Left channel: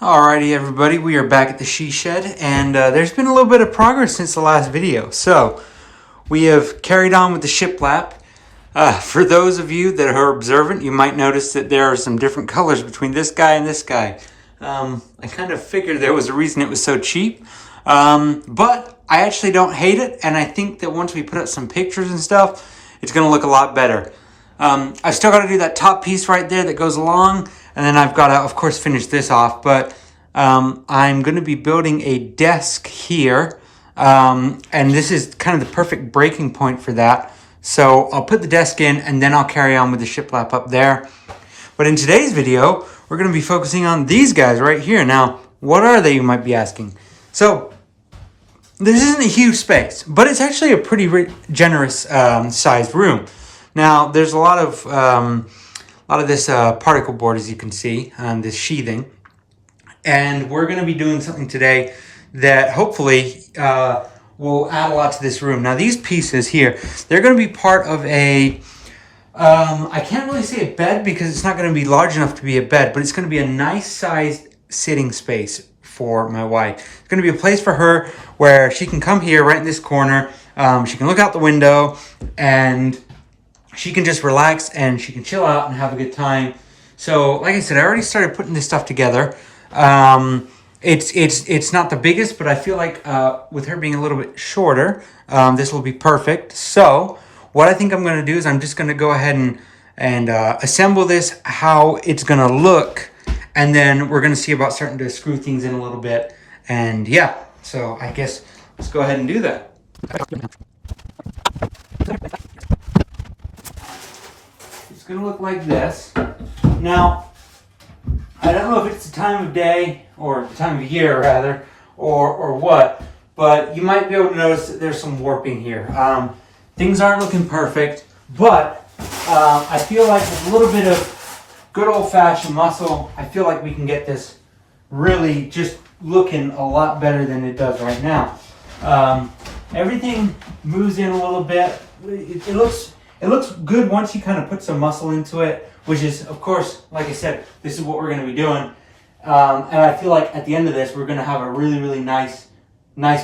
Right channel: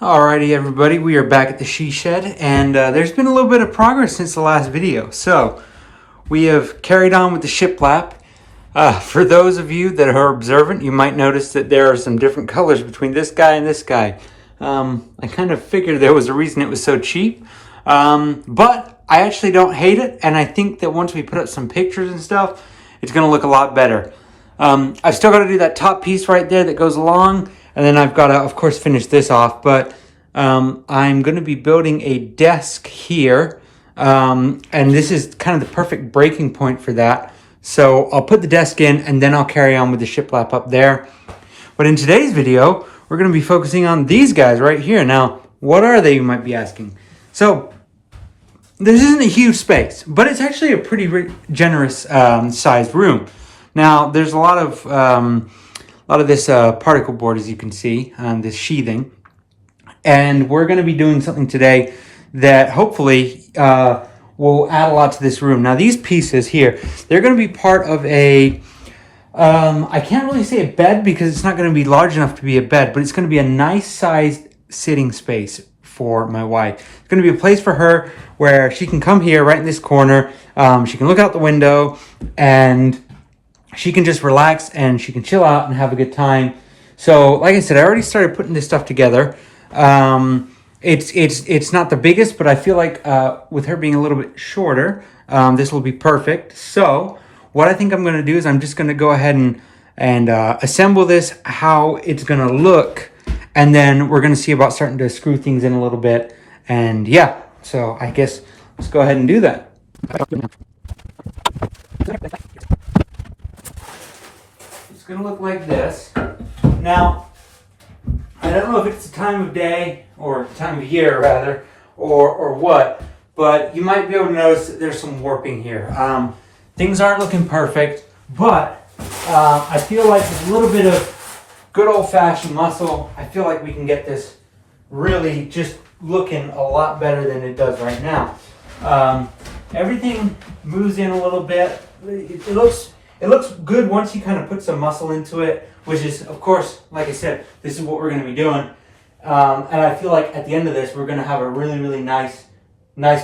Alrighty everybody, we are back at the SheShed, and there's been a little bit of progress since the last video. So, we have carried on with the shiplap. For those of you that are observant, you might notice that there are some different colors between this guy and this guy. I kind of figured there was a reason it was so cheap, but I actually don't hate it, and I think that once we put up some pictures and stuff, it's going to look a lot better. I've still got to do that top piece right there that goes along, and then I've got to, of course, finish this off, but I'm going to be building a desk here, and this is kind of the perfect breaking point for that. So I'll put the desk in, and then I'll carry on with the shiplap up there. But in today's video, we're going to be focusing on these guys right here. Now, what are they, you might be asking? So, this isn't a huge space, but it's actually a pretty generous sized room. Now, there's a lot of this particle board, as you can see, this sheathing. And we're going to be doing something today that hopefully will add a lot to this room. Now, these pieces here, they're going to be part of a, I can't really say a bed because it's not going to be large enough to be a bed, but it's going to be a nice sized sitting space for my wife. It's going to be a place for her where she can come here right in this corner. She can look out the window and she can just relax and she can chill out and have a good time. So, like I said, I already started putting this stuff together. It's not the biggest, but I feel like with her being a little bit shorter, this will be perfect. So, what I think I'm going to do is I'm just going to go ahead and assemble this how it's going to look, and then we're going to see about starting to screw things in a little bit. And yeah, so I guess let's go ahead and do that. It's going to look like this. Now, I don't know if it's the time of day, or time of year rather, or what, but you might be able to notice that there's some warping here. Things aren't looking perfect, but I feel like with a little bit of good old-fashioned muscle, I feel like we can get this really just looking a lot better than it does right now. Everything moves in a little bit. It looks good once you kind of put some muscle into it, which is, of course, like I said, this is what we're going to be doing. And I feel like at the end of this, we're going to have a really, really nice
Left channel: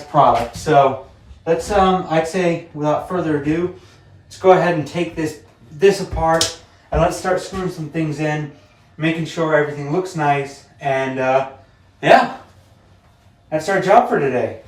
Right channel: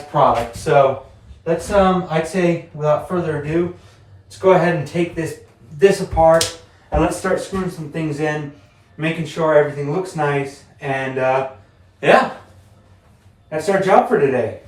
product. So let's, I'd say, without further ado, let's go ahead and take this apart, and let's start screwing some things in, making sure everything looks nice. And yeah, that's our job for today.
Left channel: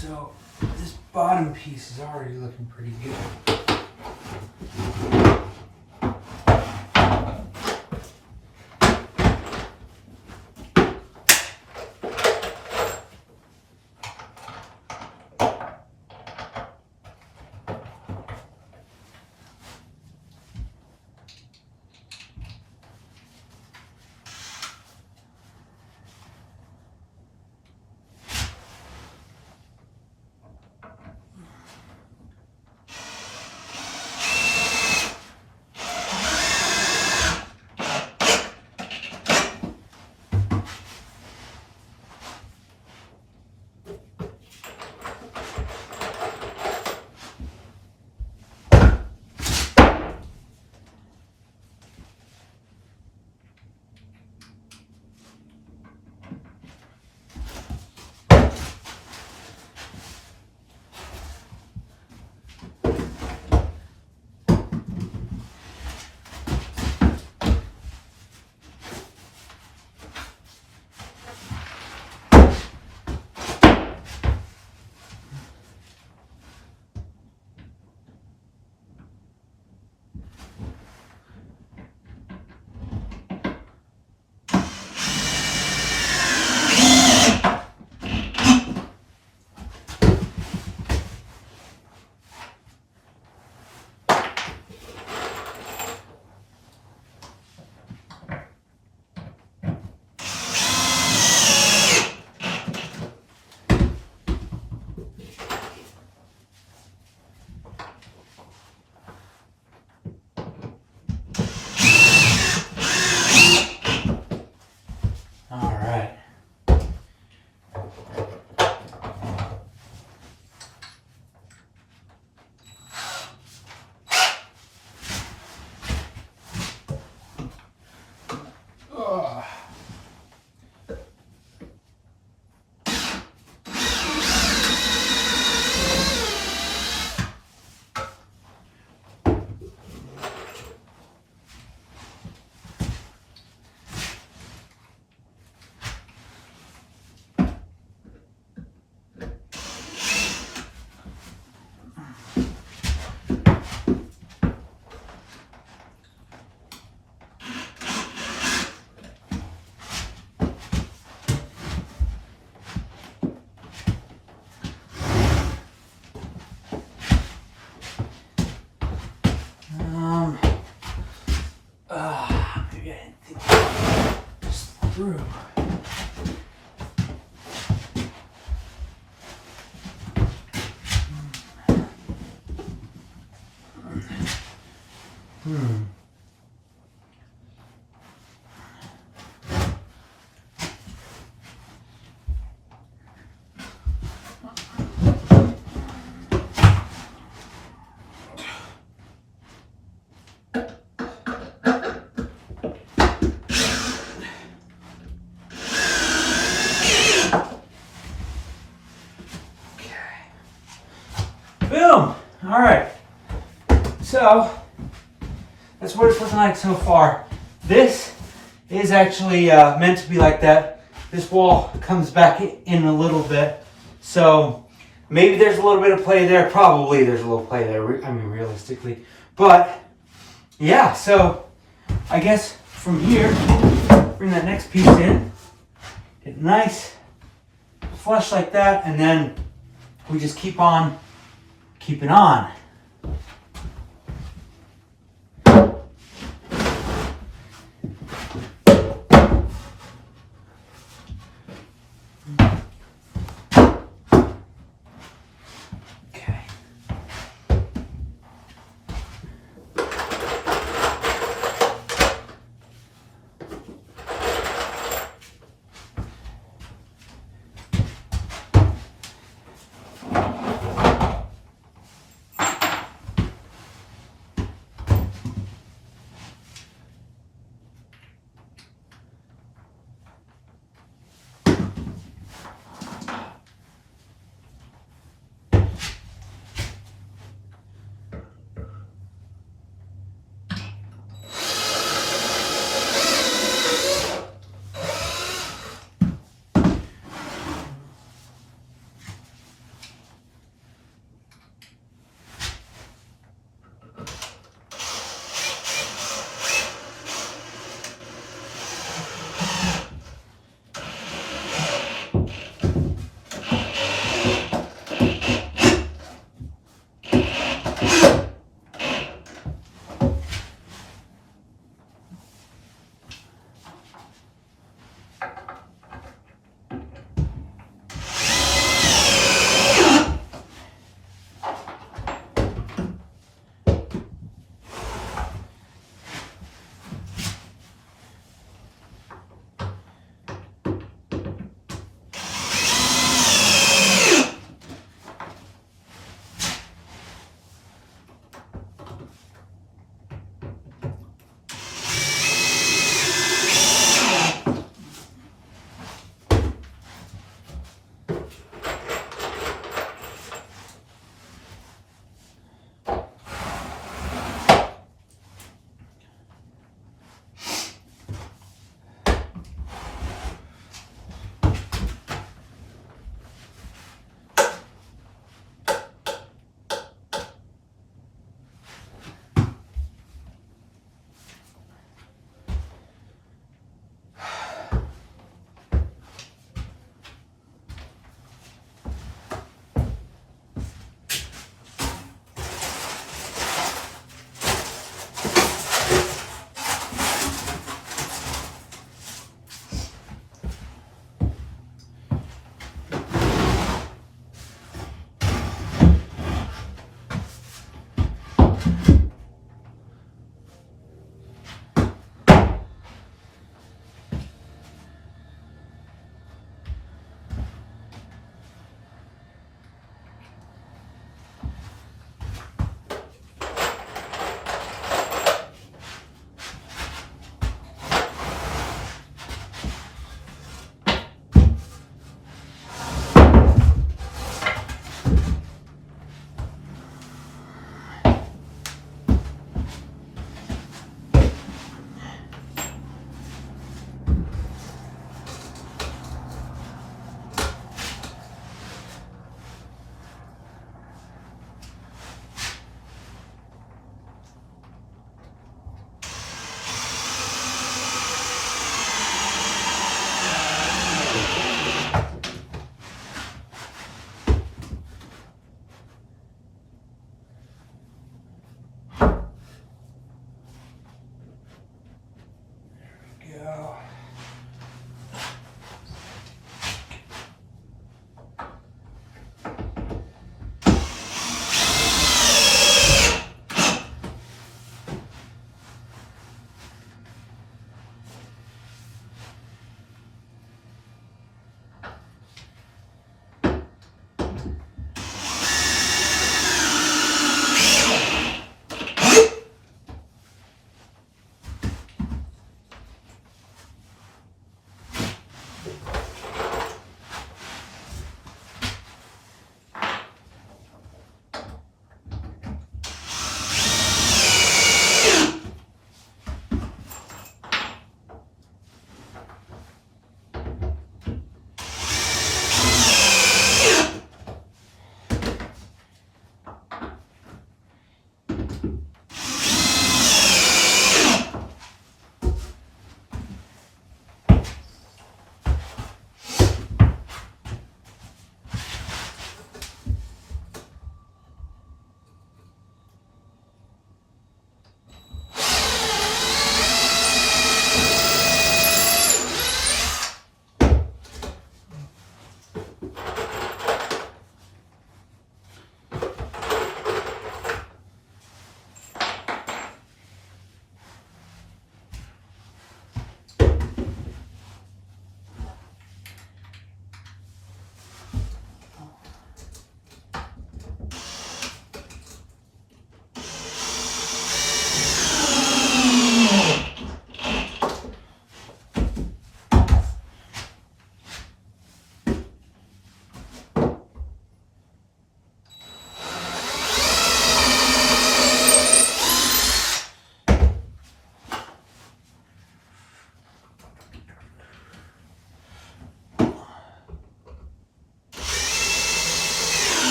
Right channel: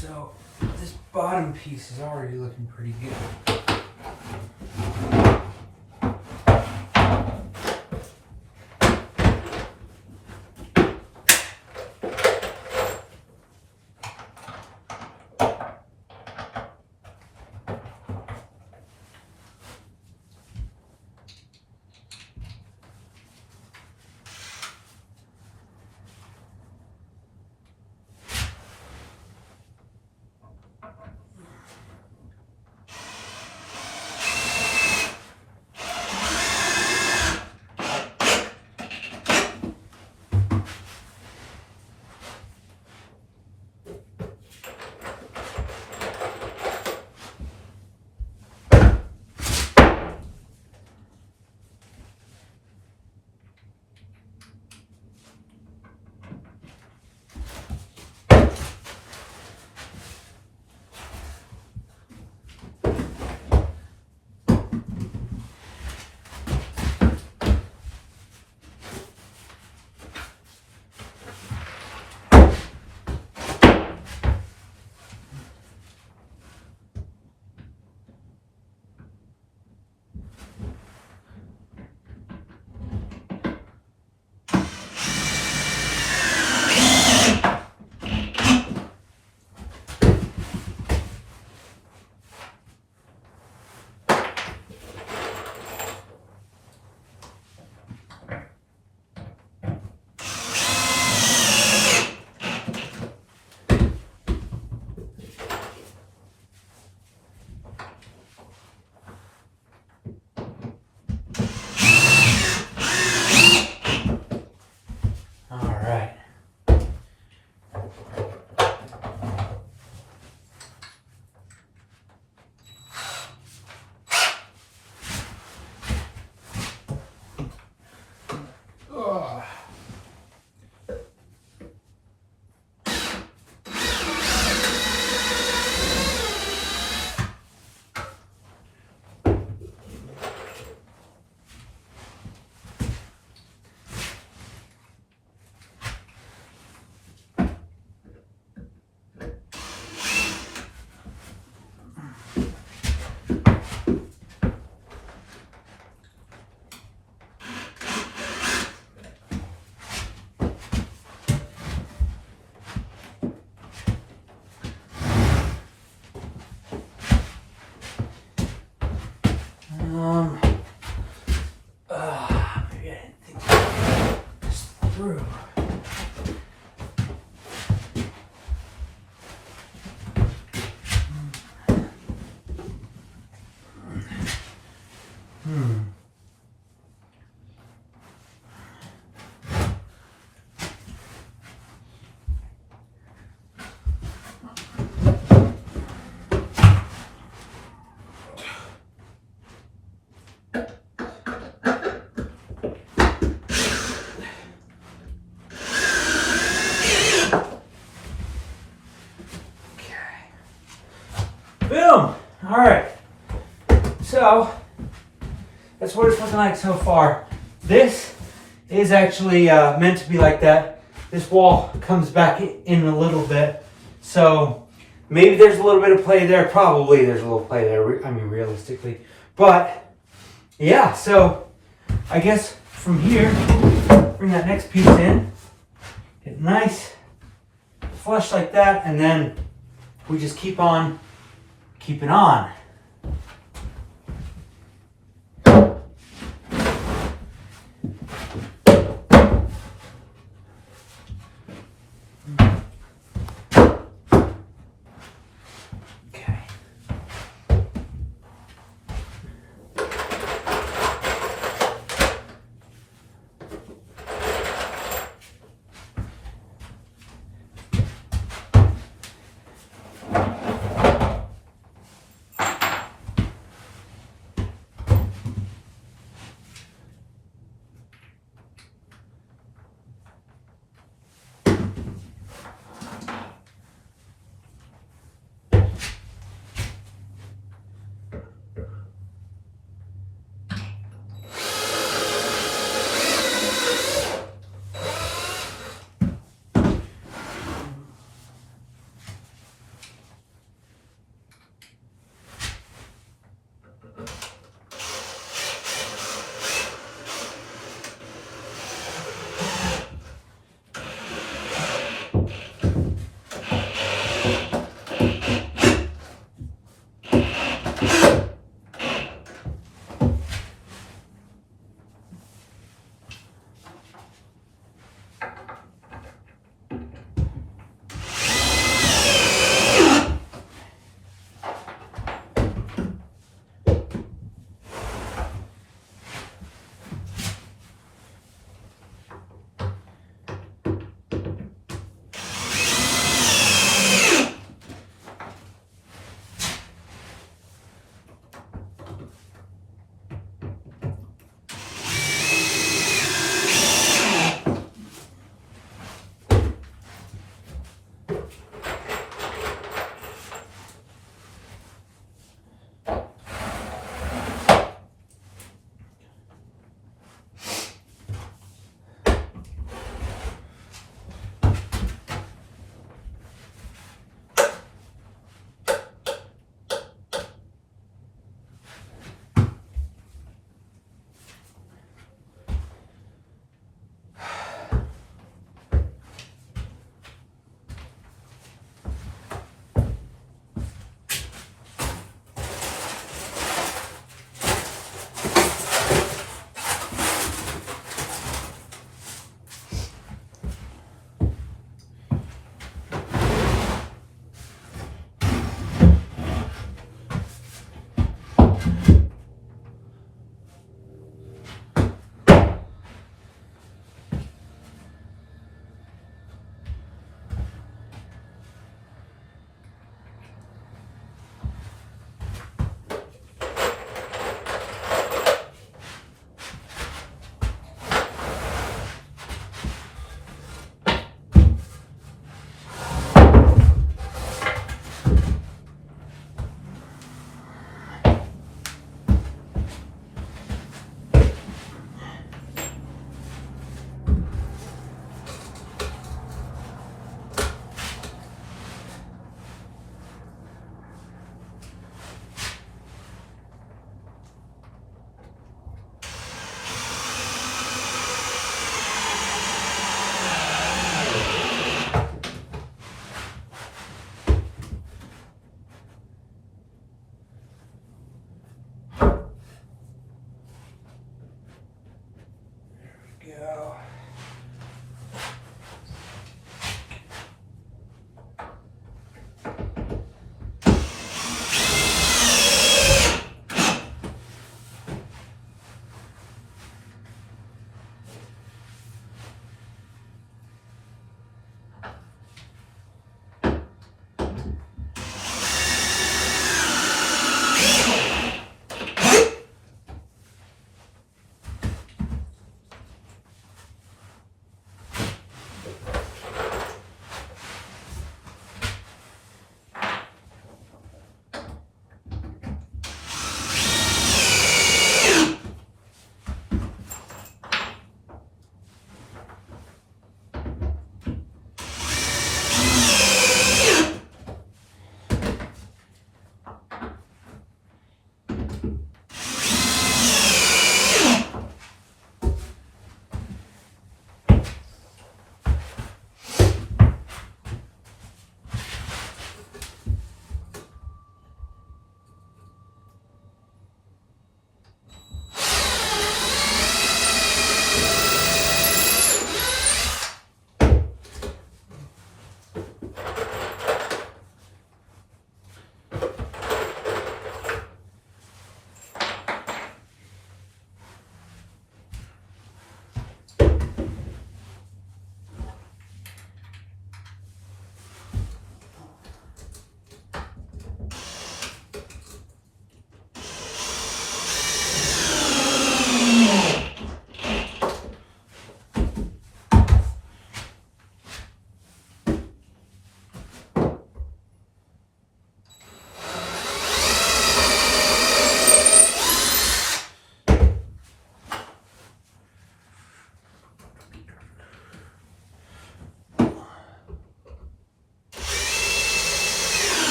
So this bottom piece is already looking pretty good. through. Boom! All right. So that's what it's looking like so far. This is actually meant to be like that. This wall comes back in a little bit. So maybe there's a little bit of play there. Probably there's a little play there. I mean, realistically. But yeah, so I guess from here, bring that next piece in. Get nice, flush like that. And then we just keep on keeping on. Okay.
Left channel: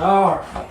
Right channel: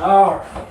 All right.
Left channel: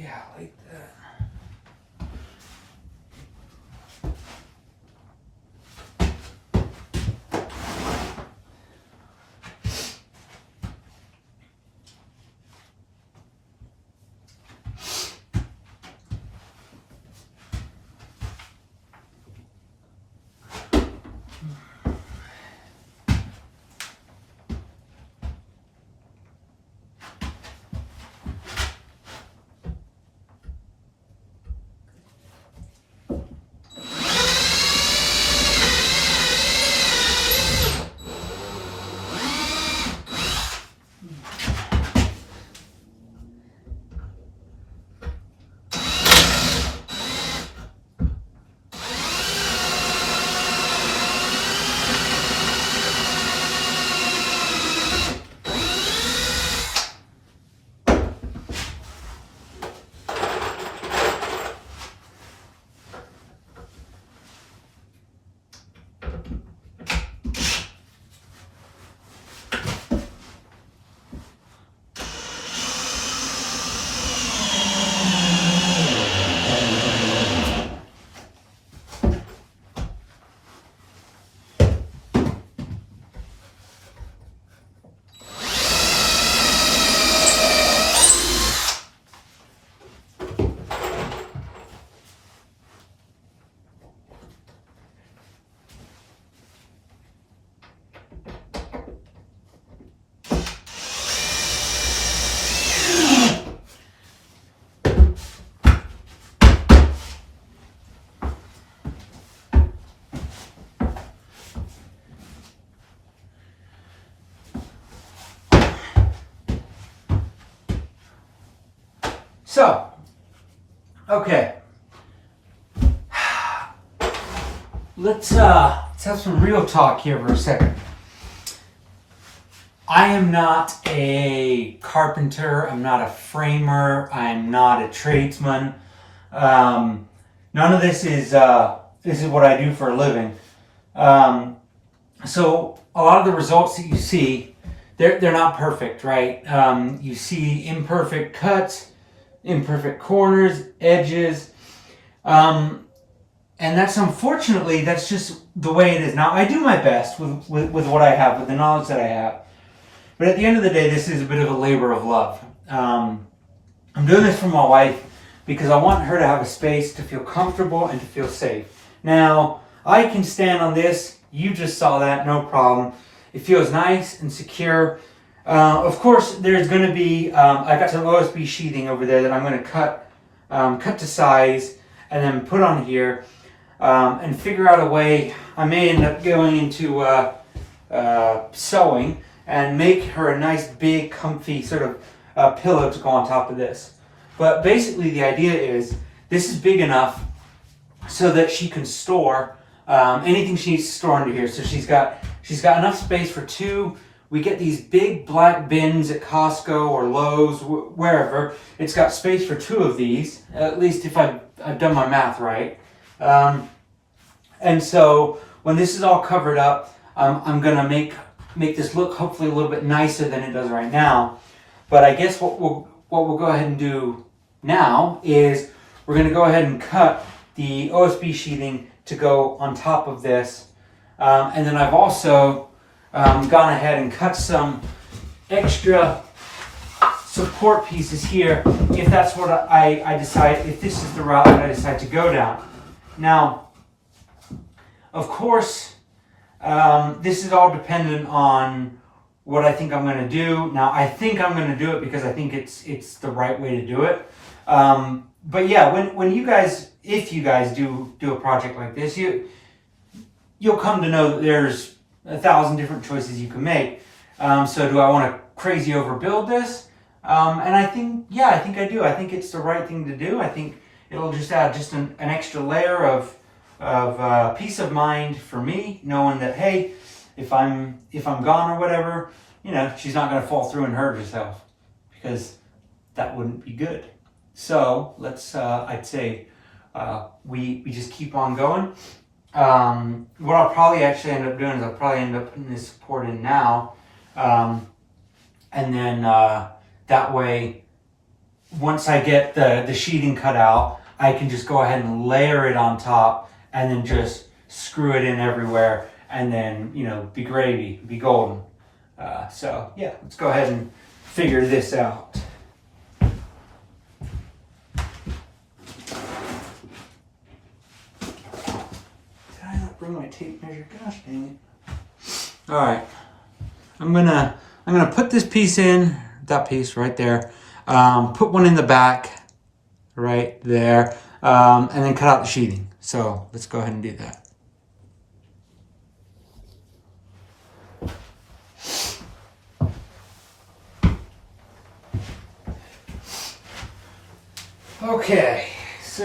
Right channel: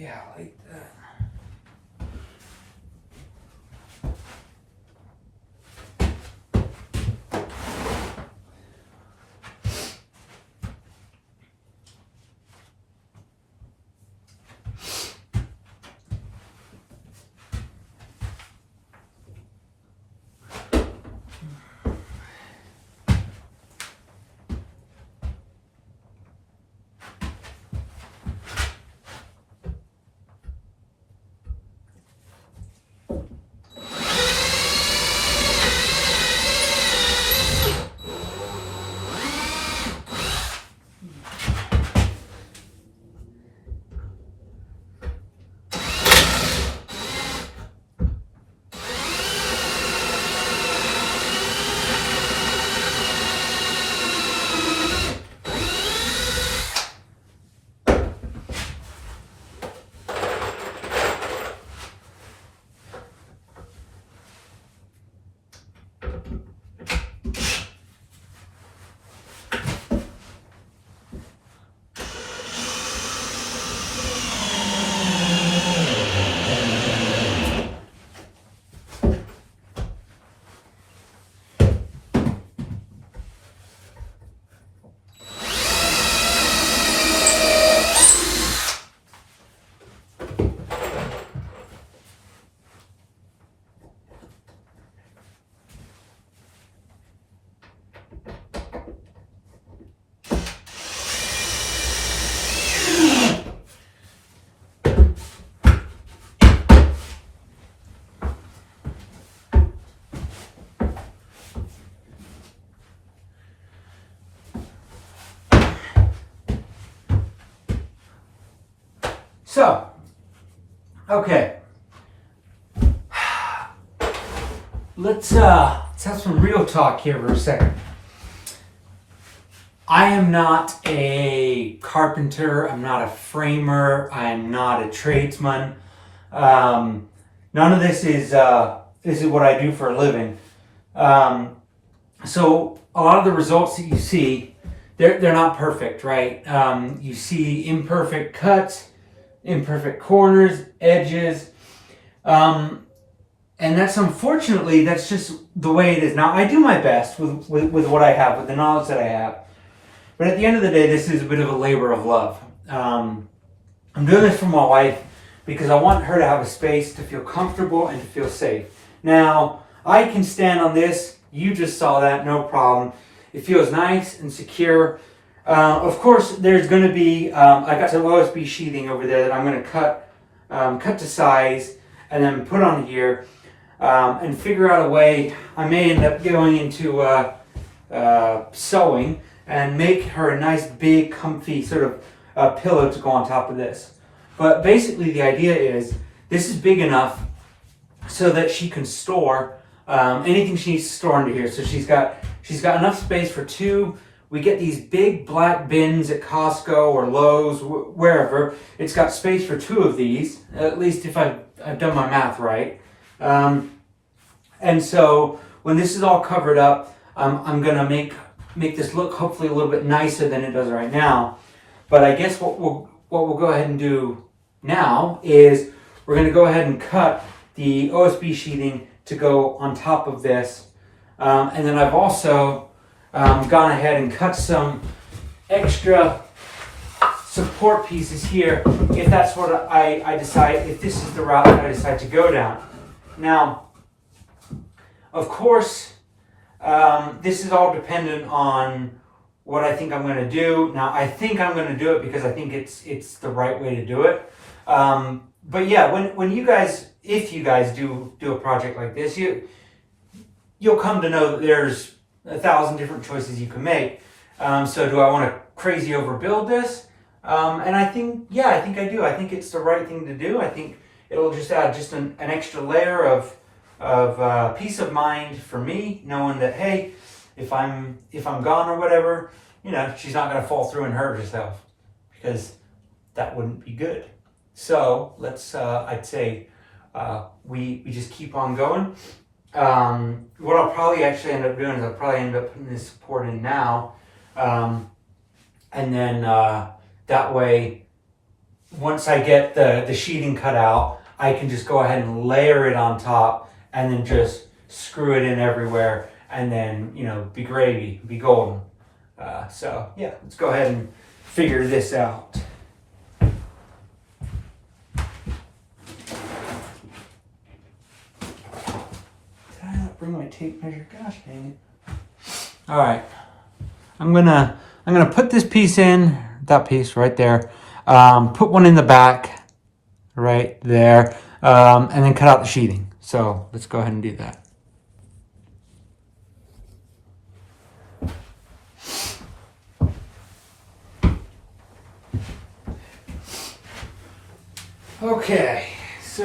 Yeah, like that. So, okay. let's have some real talk here for a second. I am not a carpenter. I'm not a framer. I am not a tradesman. None of this is what I do for a living. So a lot of the results that you see, they're not perfect, right? You see imperfect cuts, imperfect corners, edges. And that's, unfortunately, that's just the way it is. Now, I do my best with what I have, with the knowledge that I have. But at the end of the day, this is a bit of a labor of love. I'm doing this for my wife because I want her to have a space to feel comfortable and to feel safe. Now, I can stand on this. You just saw that, no problem. It feels nice and secure. Of course, there's going to be, I got some OSB sheathing over there that I'm going to cut to size and then put on here. And figure out a way. I may end up going into sewing and make her a nice big comfy sort of pillow to go on top of this. But basically the idea is this is big enough so that she can store anything she needs to store under here. So she's got enough space for two. We get these big black bins at Costco or Lowe's, wherever. It's got space for two of these, at least if I've done my math right. And so when this is all covered up, I'm gonna make this look hopefully a little bit nicer than it does right now. But I guess what we'll go ahead and do now is we're gonna go ahead and cut the OSB sheathing to go on top of this. And then I've also gone ahead and cut some extra support pieces here if that's what I decide, if this is the route that I decide to go down. Now, of course, this is all dependent on what I think I'm going to do. Now, I think I'm going to do it because I think it's the right way to do it. But yeah, when you guys, if you guys do a project like this, you'll come to know that there's 1,000 different choices you can make. So do I want to crazy overbuild this? And I think I do. I think it's the right thing to do. I think it'll just add just an extra layer of peace of mind for me, knowing that, hey, if I'm gone or whatever, she's not going to fall through and hurt herself, because that wouldn't be good. So let's, I'd say, we just keep on going. What I'll probably actually end up doing is I'll probably end up putting this support in now, and then that way, once I get the sheeting cut out, I can just go ahead and layer it on top and then just screw it in everywhere, and then, be gravy, be golden. So yeah, let's go ahead and figure this out. Did I not bring my tape measure? Gosh dang it. All right, I'm gonna put this piece in, that piece right there, put one in the back right there, and then cut out the sheeting. So let's go ahead and do that. Okay, so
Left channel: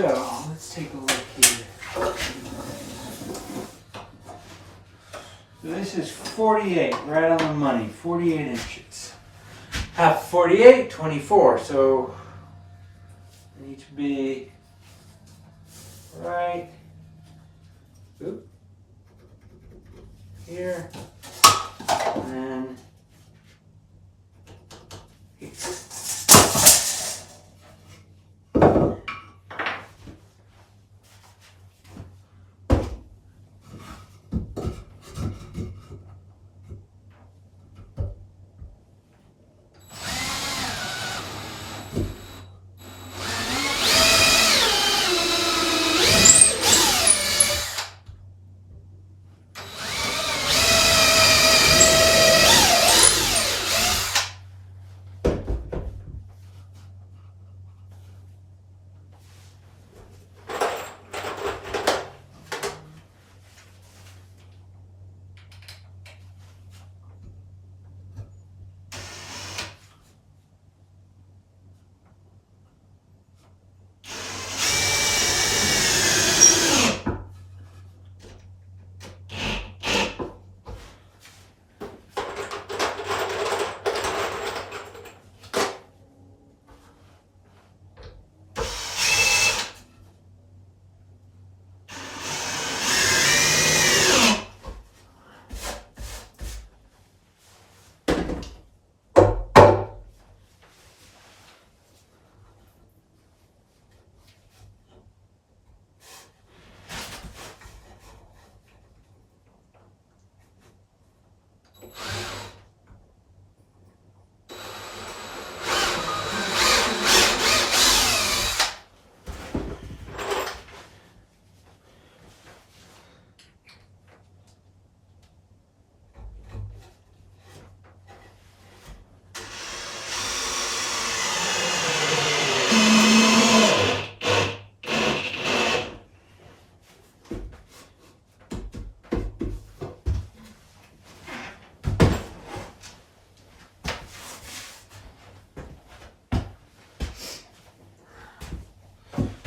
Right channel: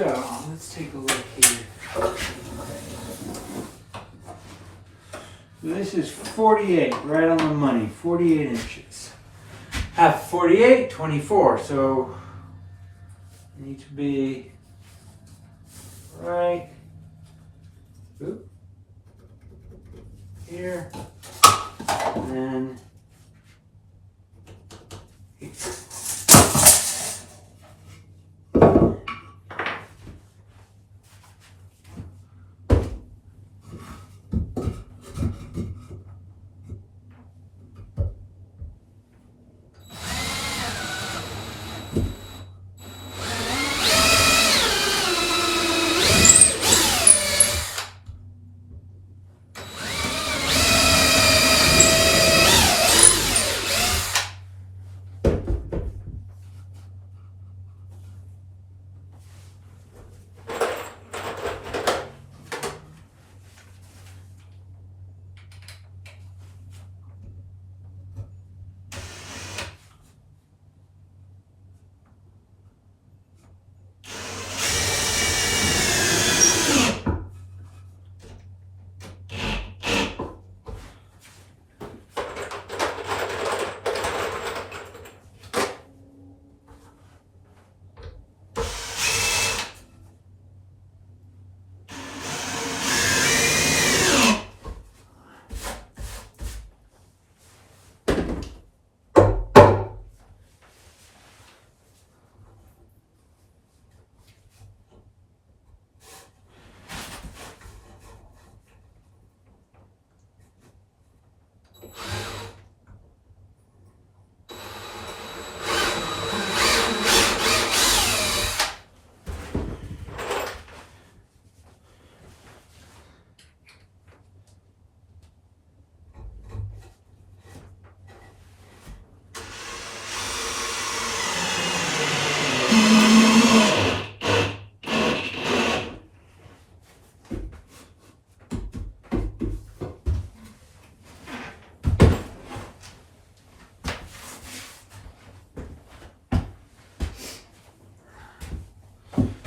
let's take a look here. This is 48, right on the money, 48 inches. Half 48, 24, so I need to be right here, and then here.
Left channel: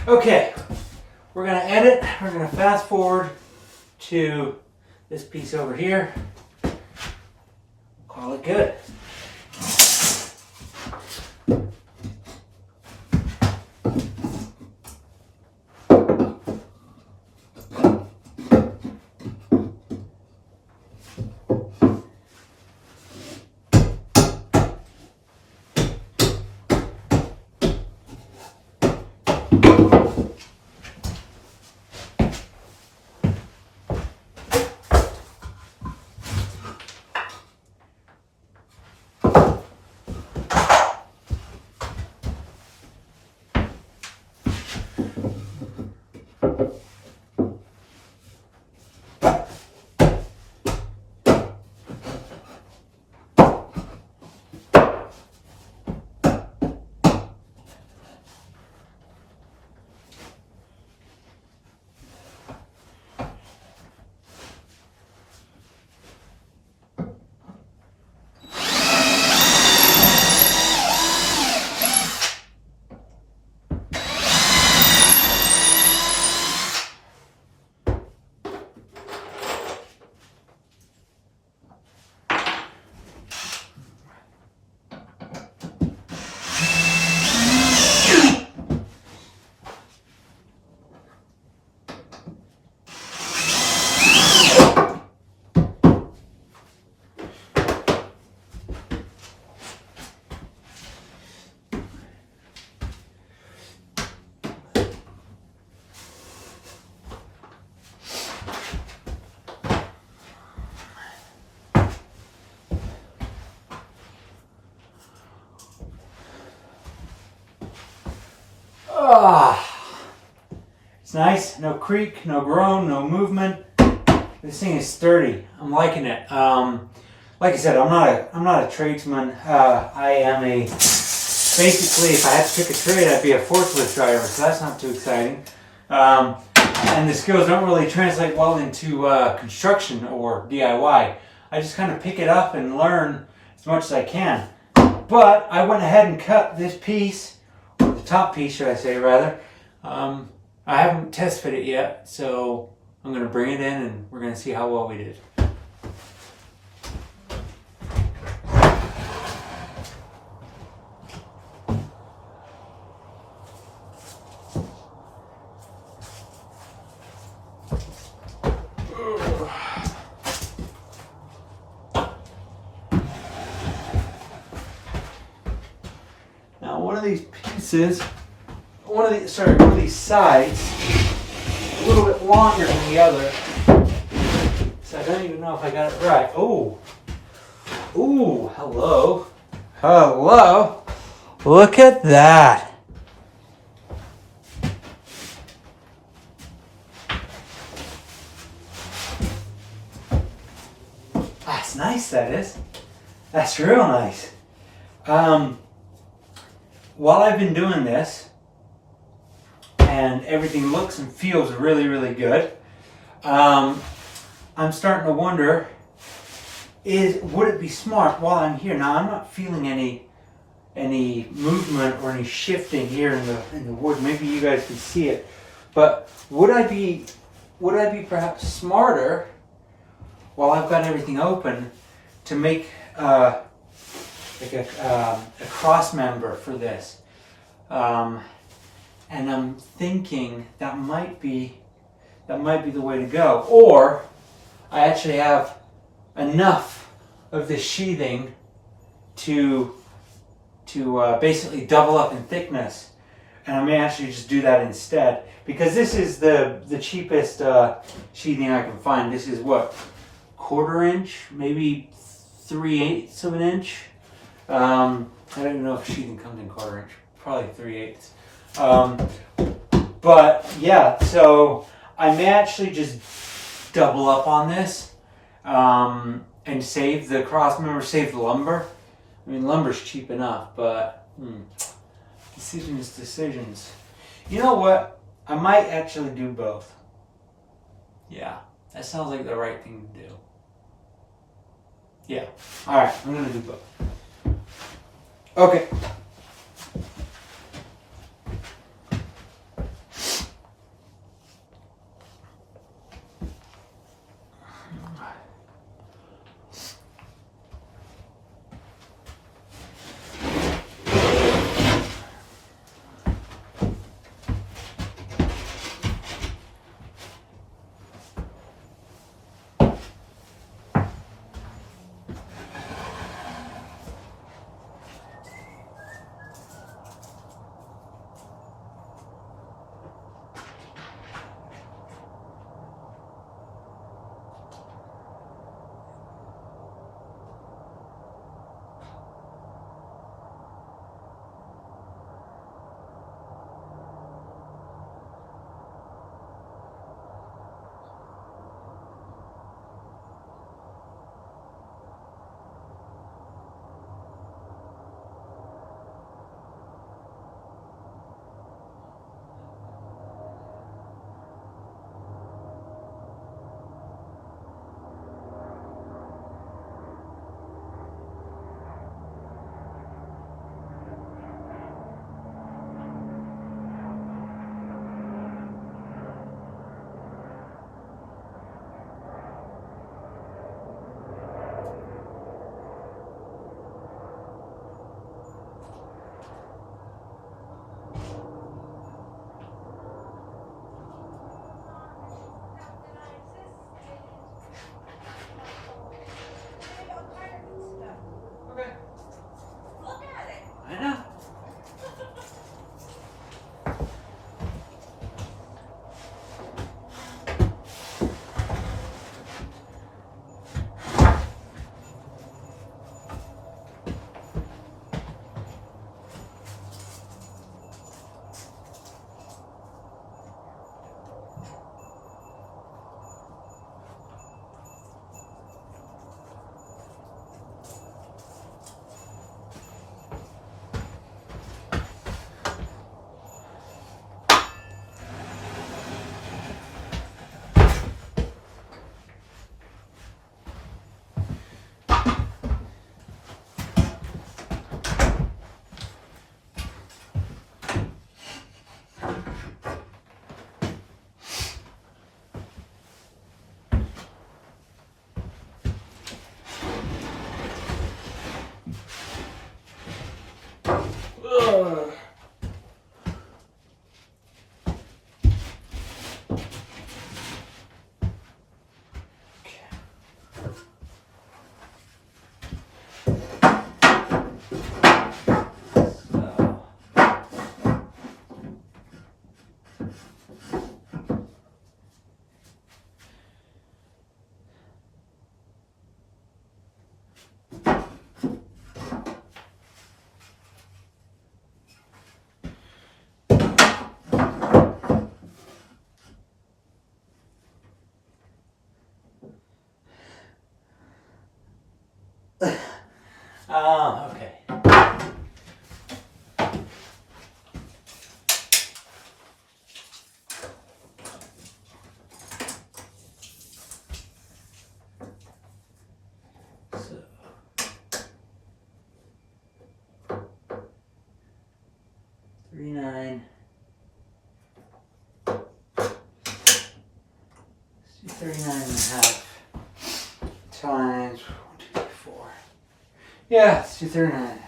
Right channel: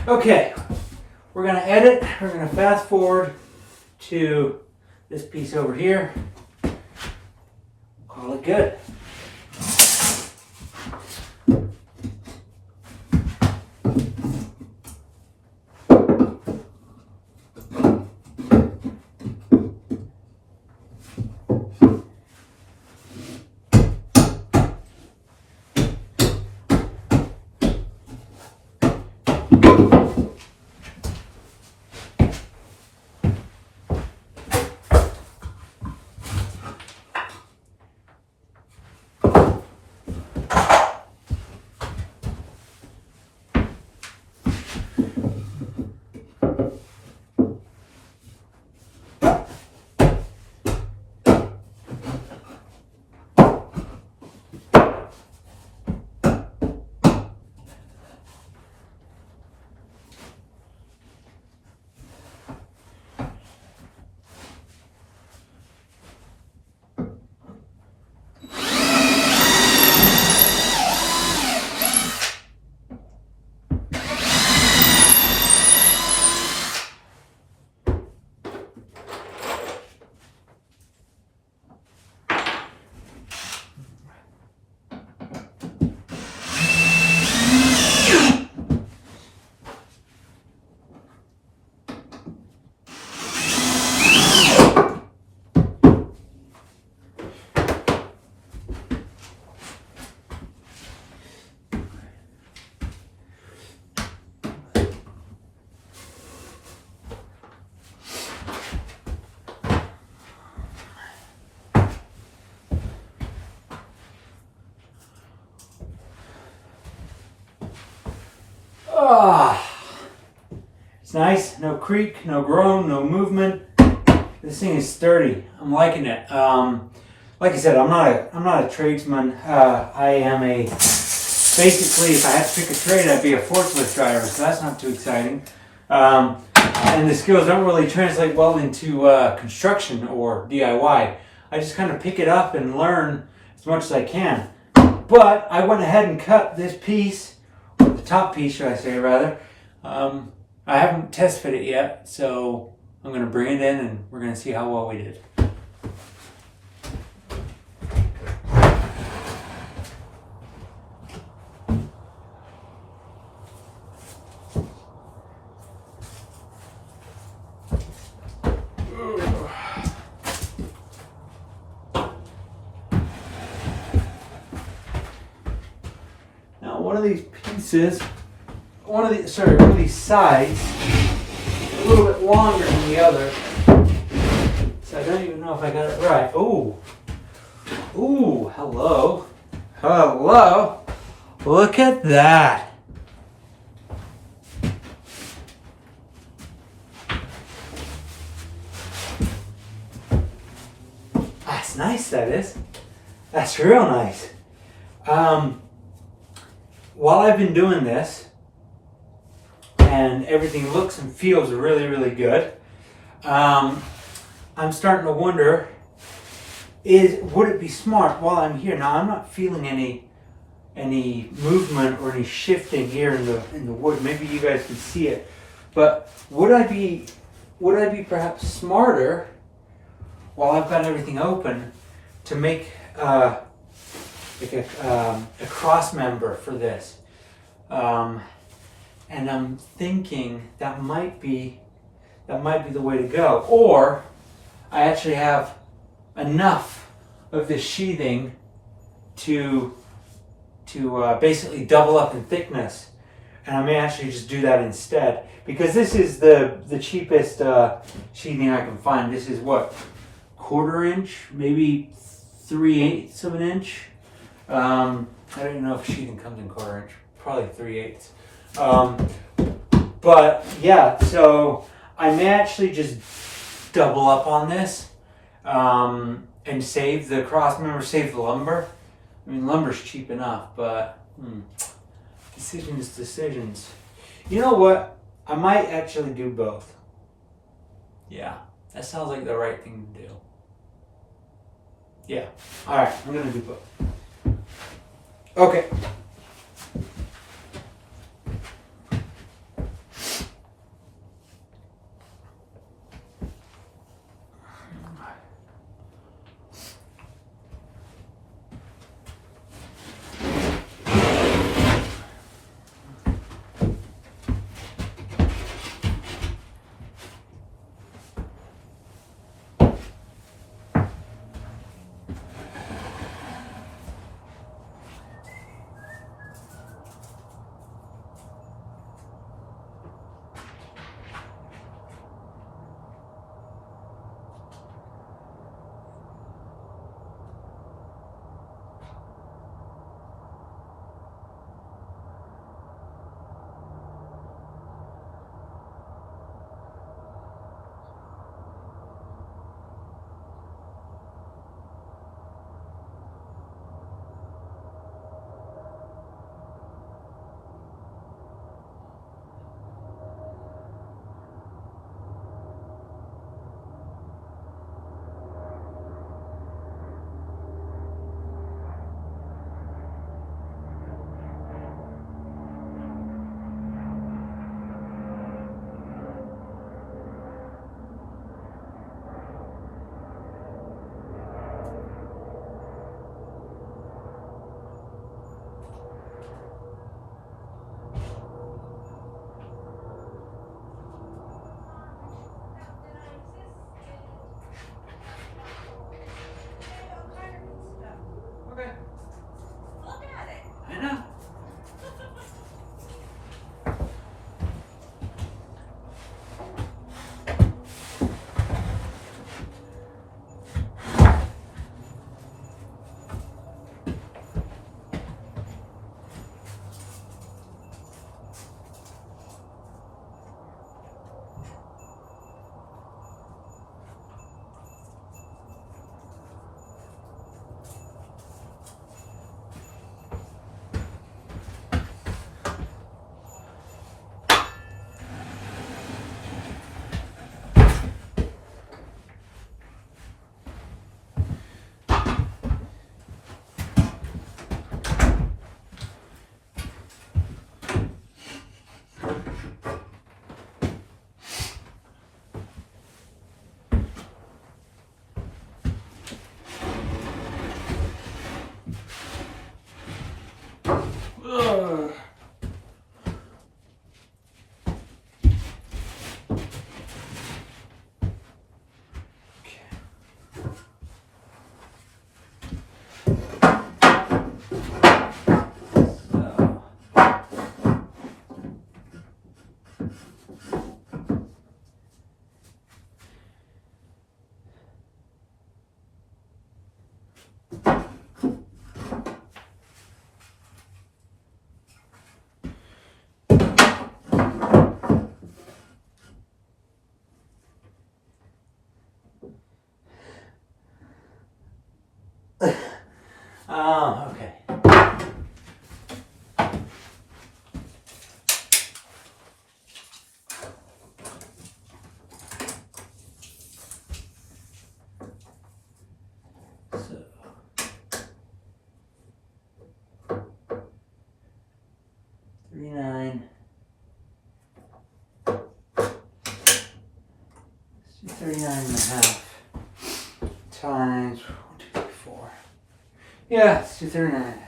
Okay, we're gonna edit. We're gonna fast forward to this piece over here. Call it good. It's nice, no creak, no groan, no movement. This thing is sturdy. I'm liking it. Like I said, I'm not a tradesman. I am basically, if I had to pick a trade, I'd be a forklift driver, so that's not too exciting. And the skills don't really translate well into construction or DIY. I just kind of pick it up and learn as much as I can. But I went ahead and cut this piece, or the top piece, should I say, rather. I haven't test fit it yet, so I'm going to bring it in and we're going to see how well we did. Now one of these pieces, one of these sides, a little bit longer than the other. So I don't even know if I got it right. Ooh, hello. Hello. Look at that. That's nice, that is. That's real nice. While I've been doing this, and everything looks and feels really, really good, I'm starting to wonder, would it be smart while I'm here? Now I'm not feeling any movement or any shifting here in the wood. Maybe you guys can see it, but would I be perhaps smarter while I've got everything open to make like a cross member for this? And I'm thinking that might be the way to go. Or I actually have enough of this sheathing to basically double up in thickness, and I may actually just do that instead, because this is the cheapest sheathing I can find. This is what, 1/4 inch, maybe 3/8 of an inch. I don't know if sheathing comes in 1/4 inch, probably 3/8. But yeah, so I may actually just double up on this and save the cross member, save the lumber. I mean, lumber's cheap enough, but decisions. You know what? I might actually do both. Yeah, that sounds like the right thing to do. Yeah, all right, I'm gonna do both. Okay. 39 and a half times 1, 2, 3, 4. Yeah, let's do 39 and a half.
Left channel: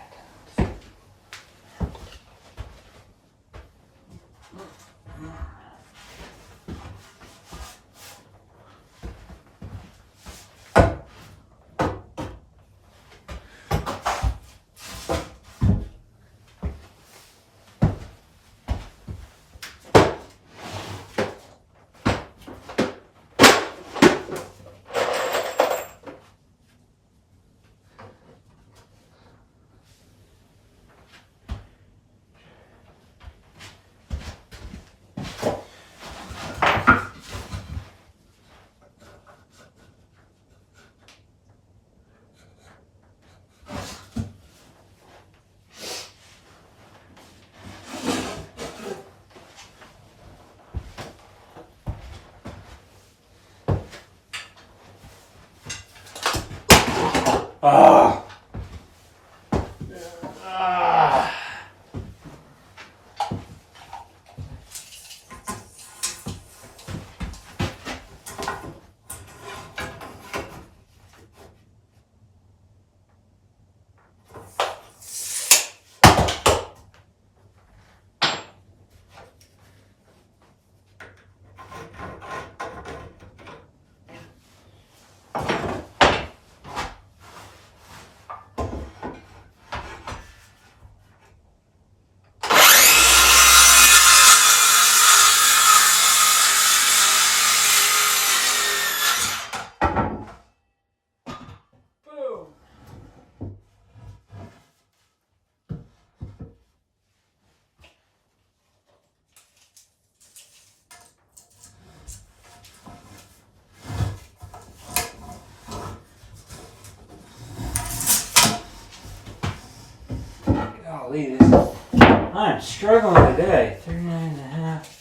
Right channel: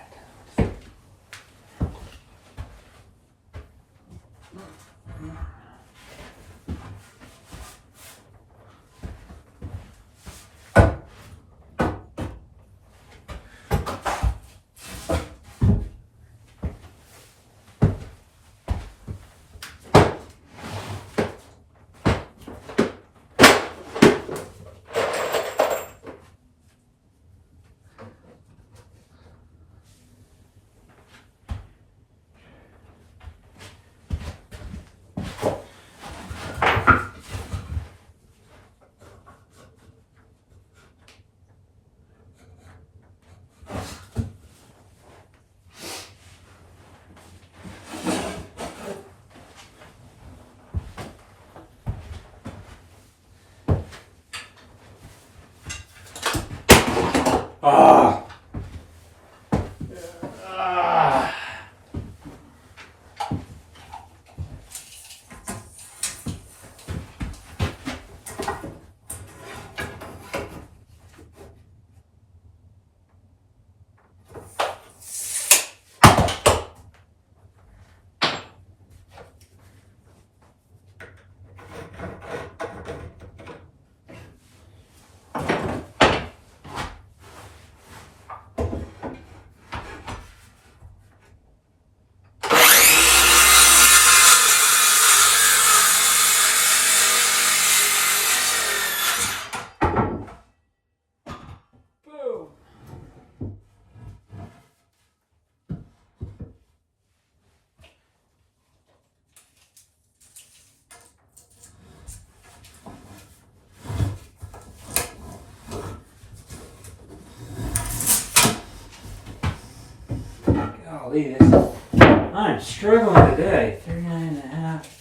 Ah. Ah. Golly, I'm struggling today. 39 and a half.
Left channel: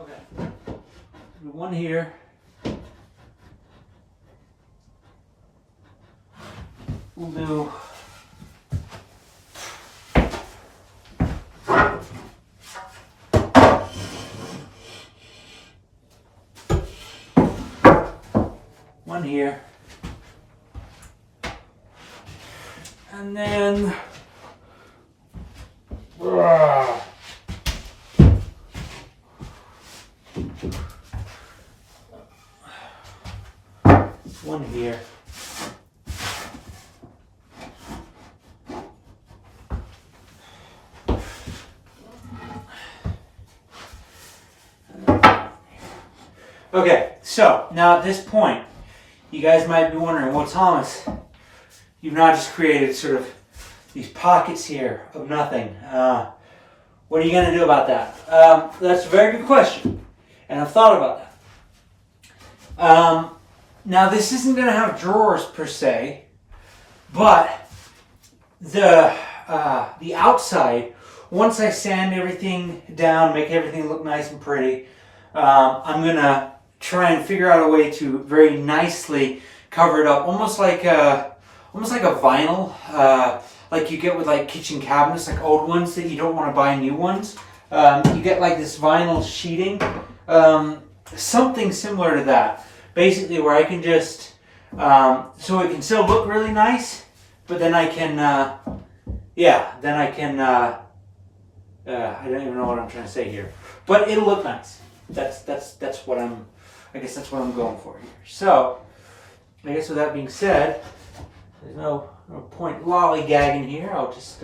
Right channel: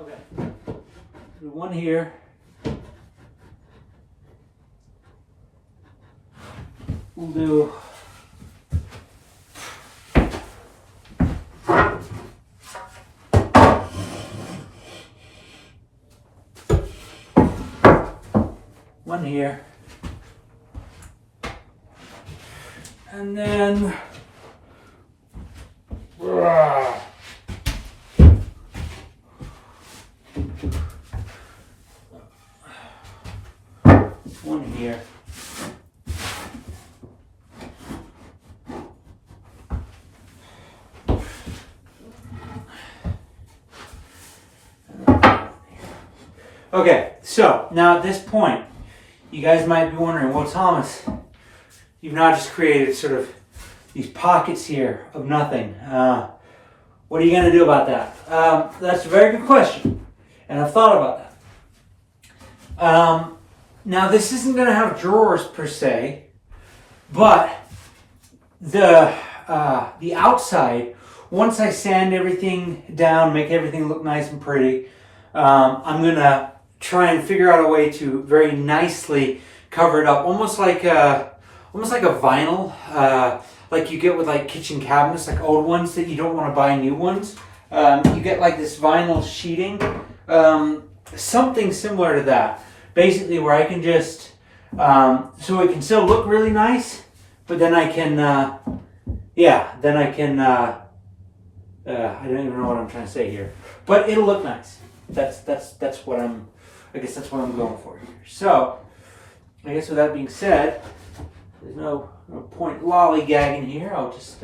Okay. Do one here. We'll do one here, and then one here. Okay, so now at this point, you guys might be wondering, well, Thomas, you've now just created sort of these pockets here of nothing. What are you going to do about that? That's a very good question, and I've thought about that. Now, this isn't going to have drawers per se, but the outside, once I sand everything down, make everything look nice and pretty, I'm going to try and figure out a way to very nicely cover it up, almost like a vinyl, like you get with like kitchen cabinets, like old ones that you don't want to buy new ones. You get like this vinyl sheeting, something similar to that. Basically, where I can just so it can still look really nice, but then I can, I don't even know what I'm trying to say here, but it'll look nice. That's what I guess that's what I'm going for here. So, I guess with that being said, there's no point lollygagging here. I'll just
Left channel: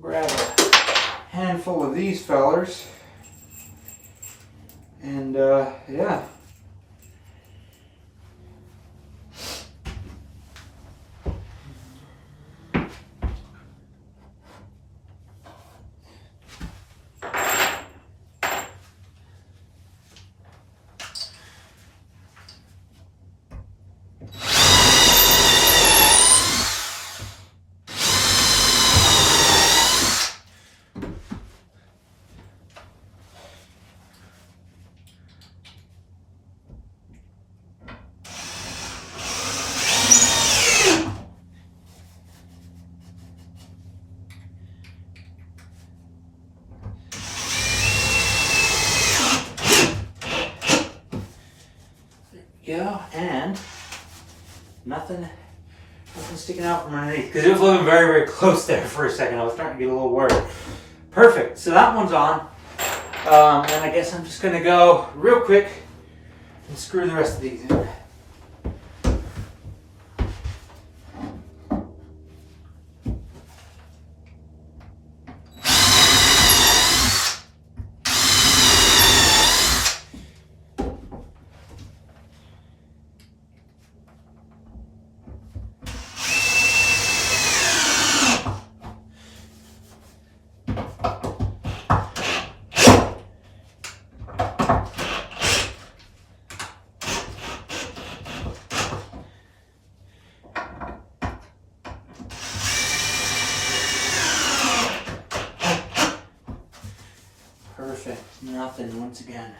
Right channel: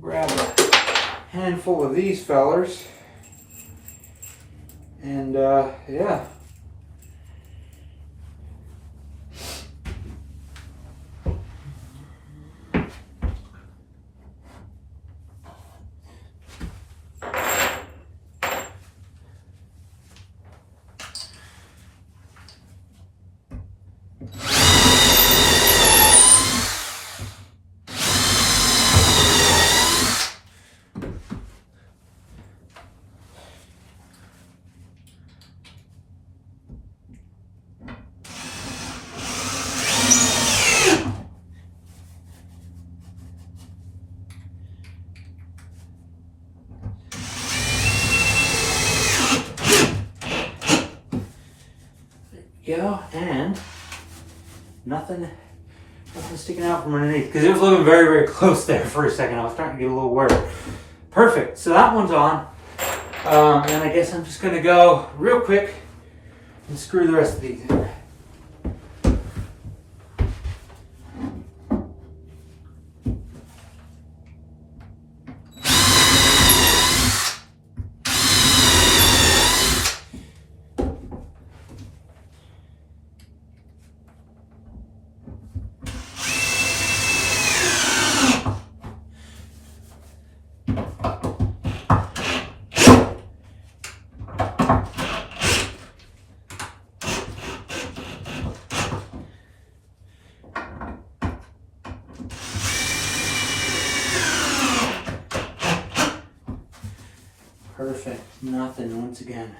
grab a handful of these fellers, and yeah. Go, and nothing sticking out from underneath, because it was looking very, very close there for a second. I was starting to get a little worried. Perfect. So that one's on. And I guess I'm just going to go real quick and screw the rest of these in. Perfect. Nothing once again.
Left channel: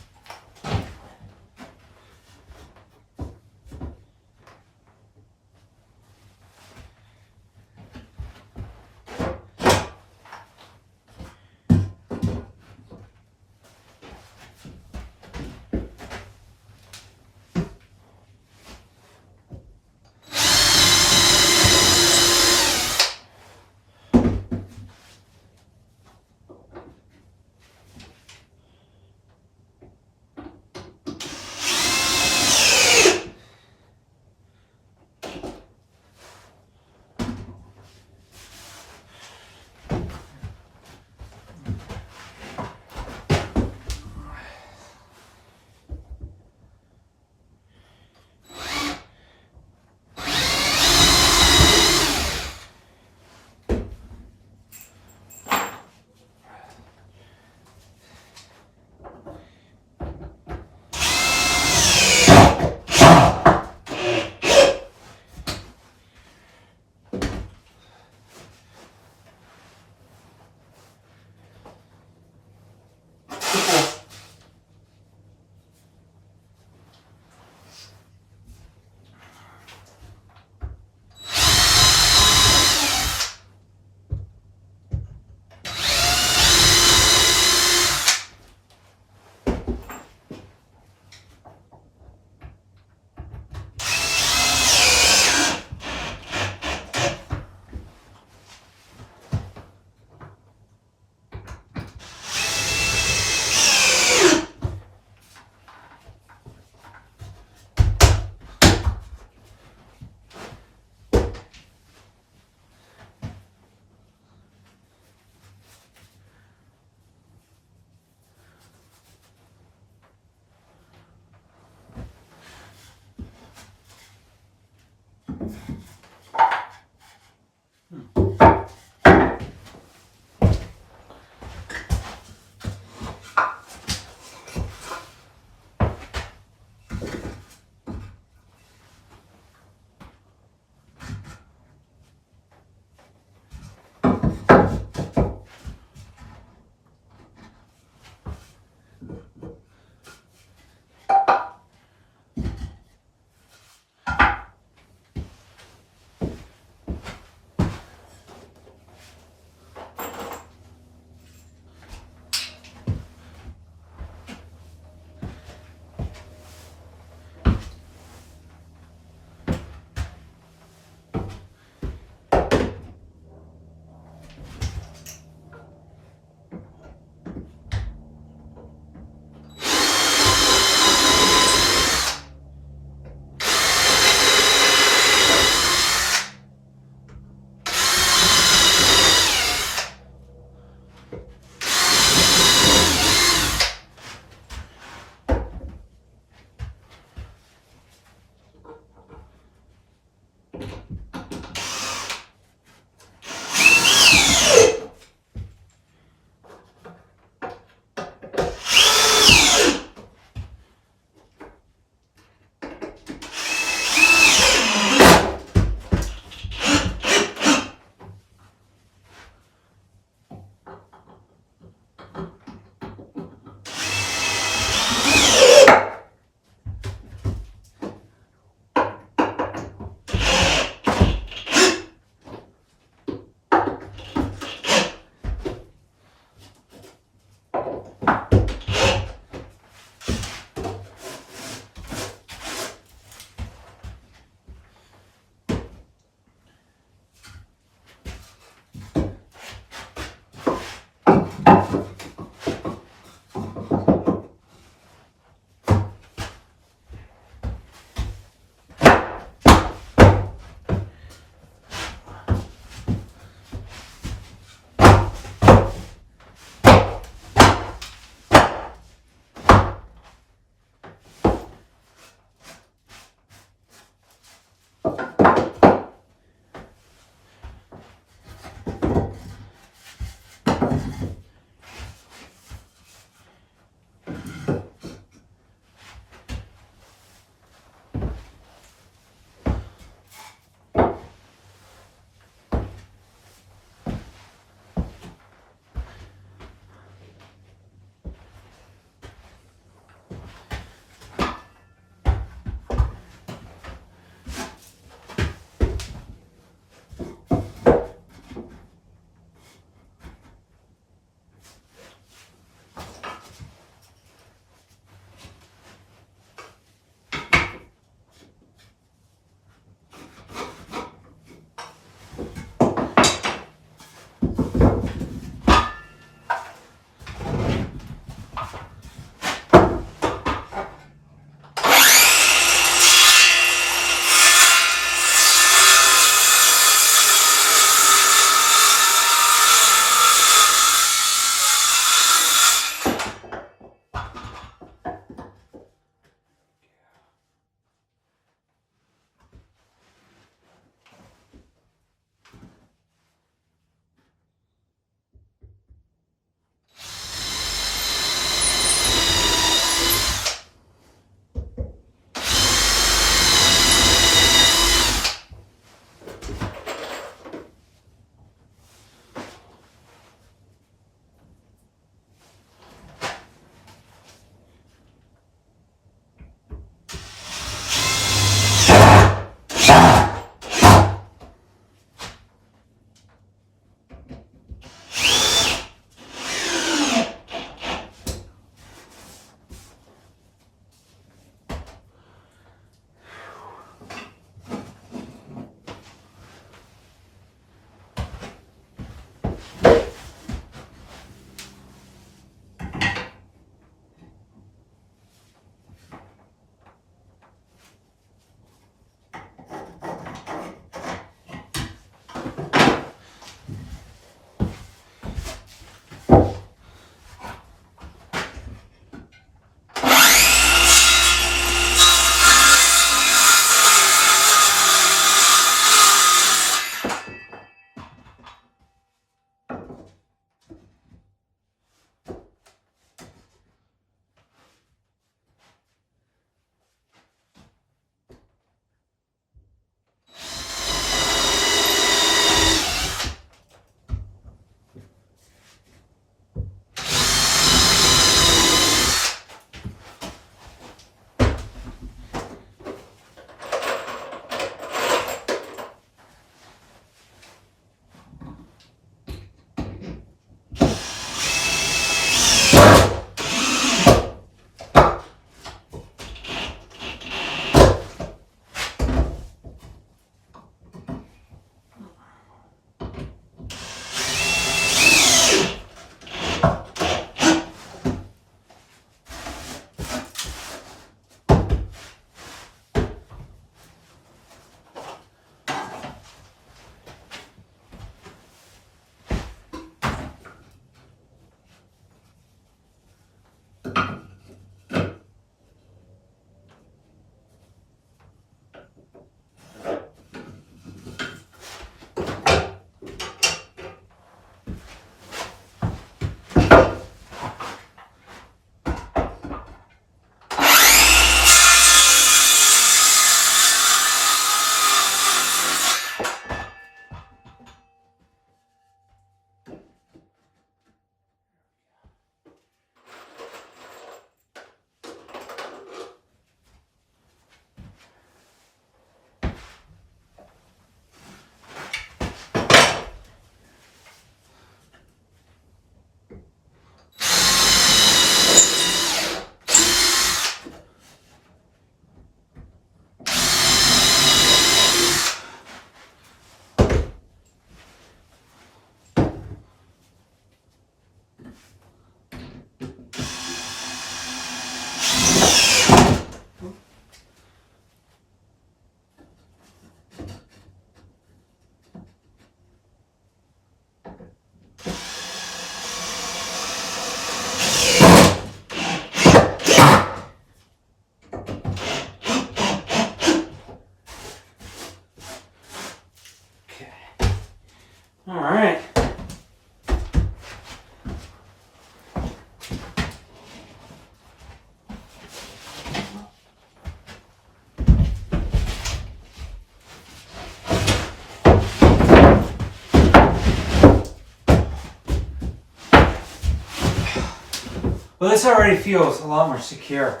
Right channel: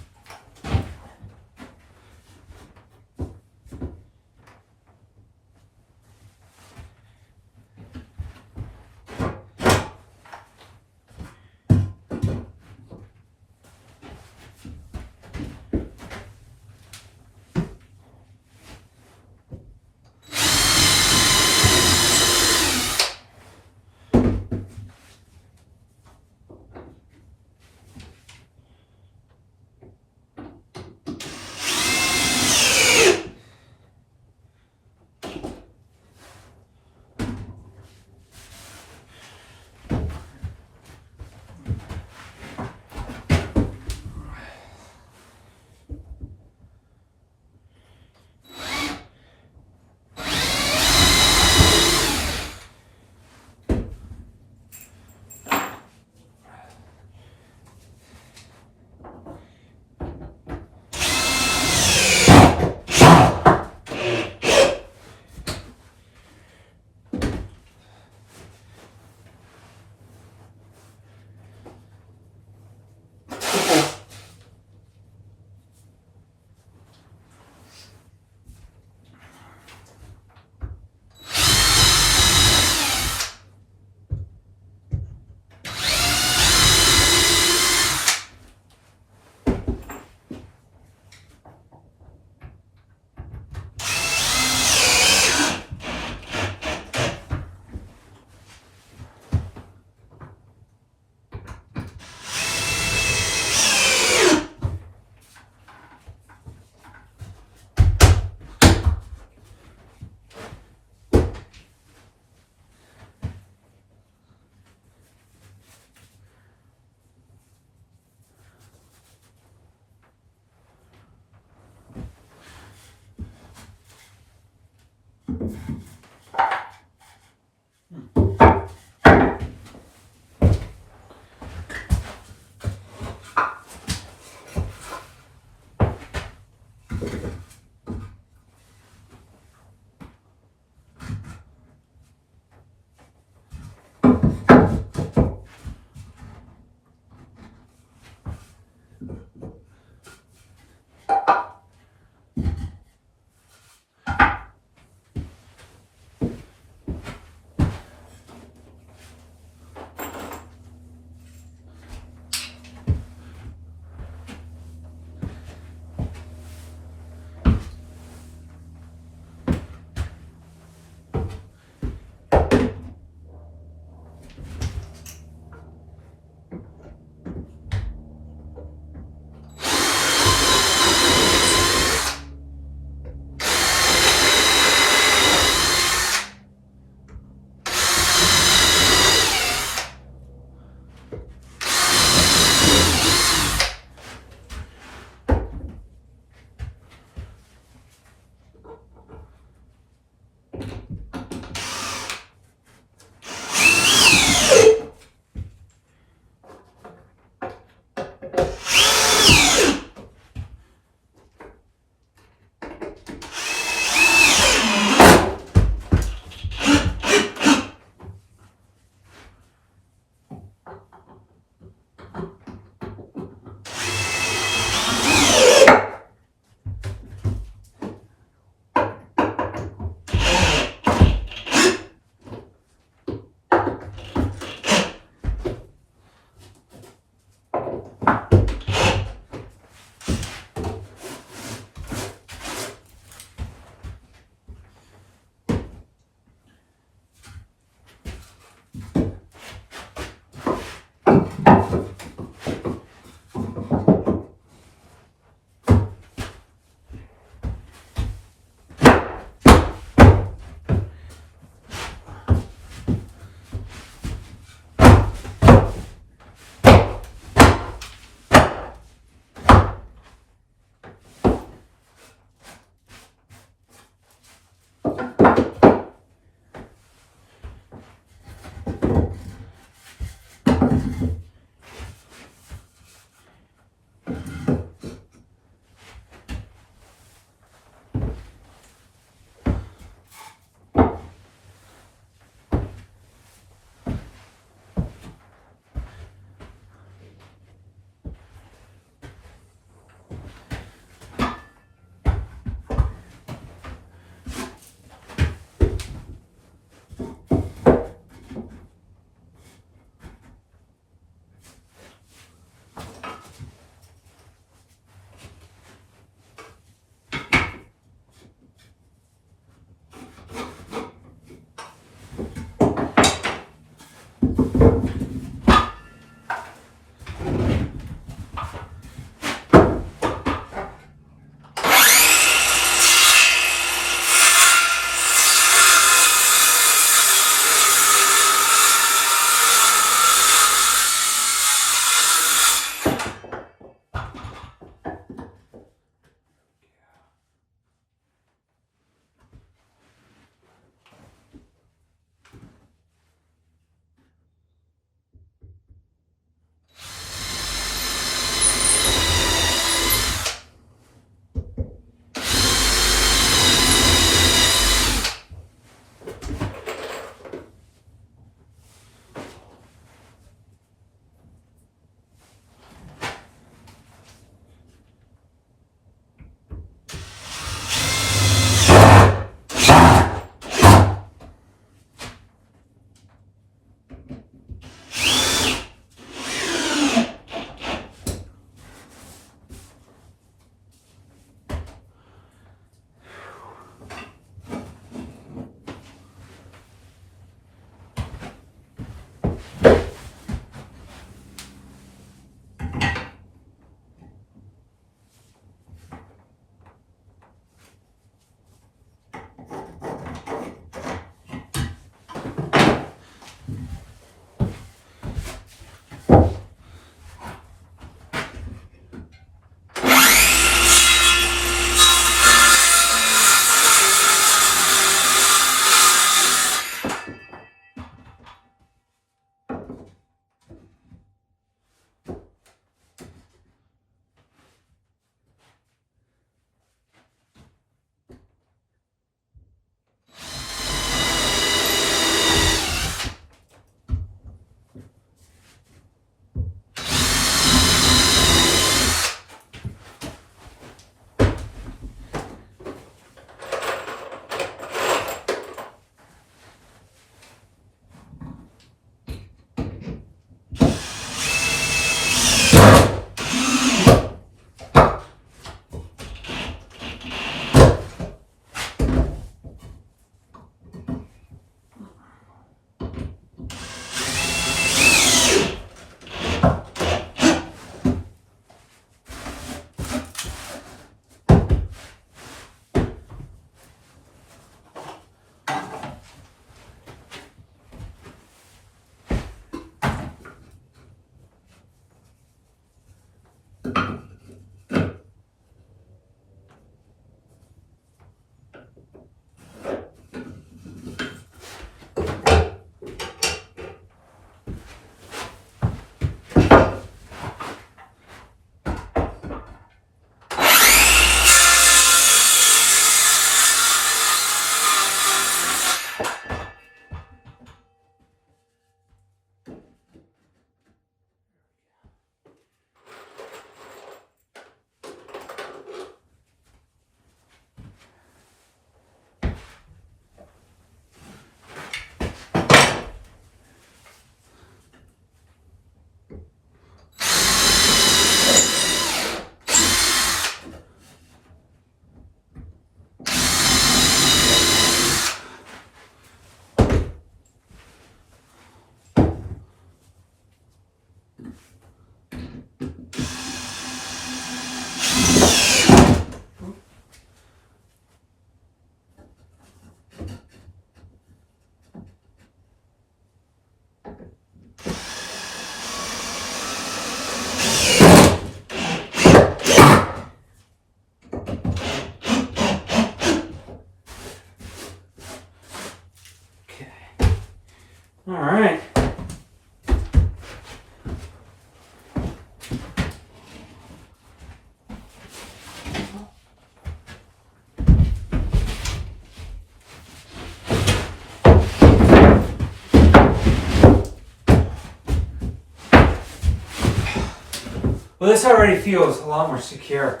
Well, this already feels a lot more secure.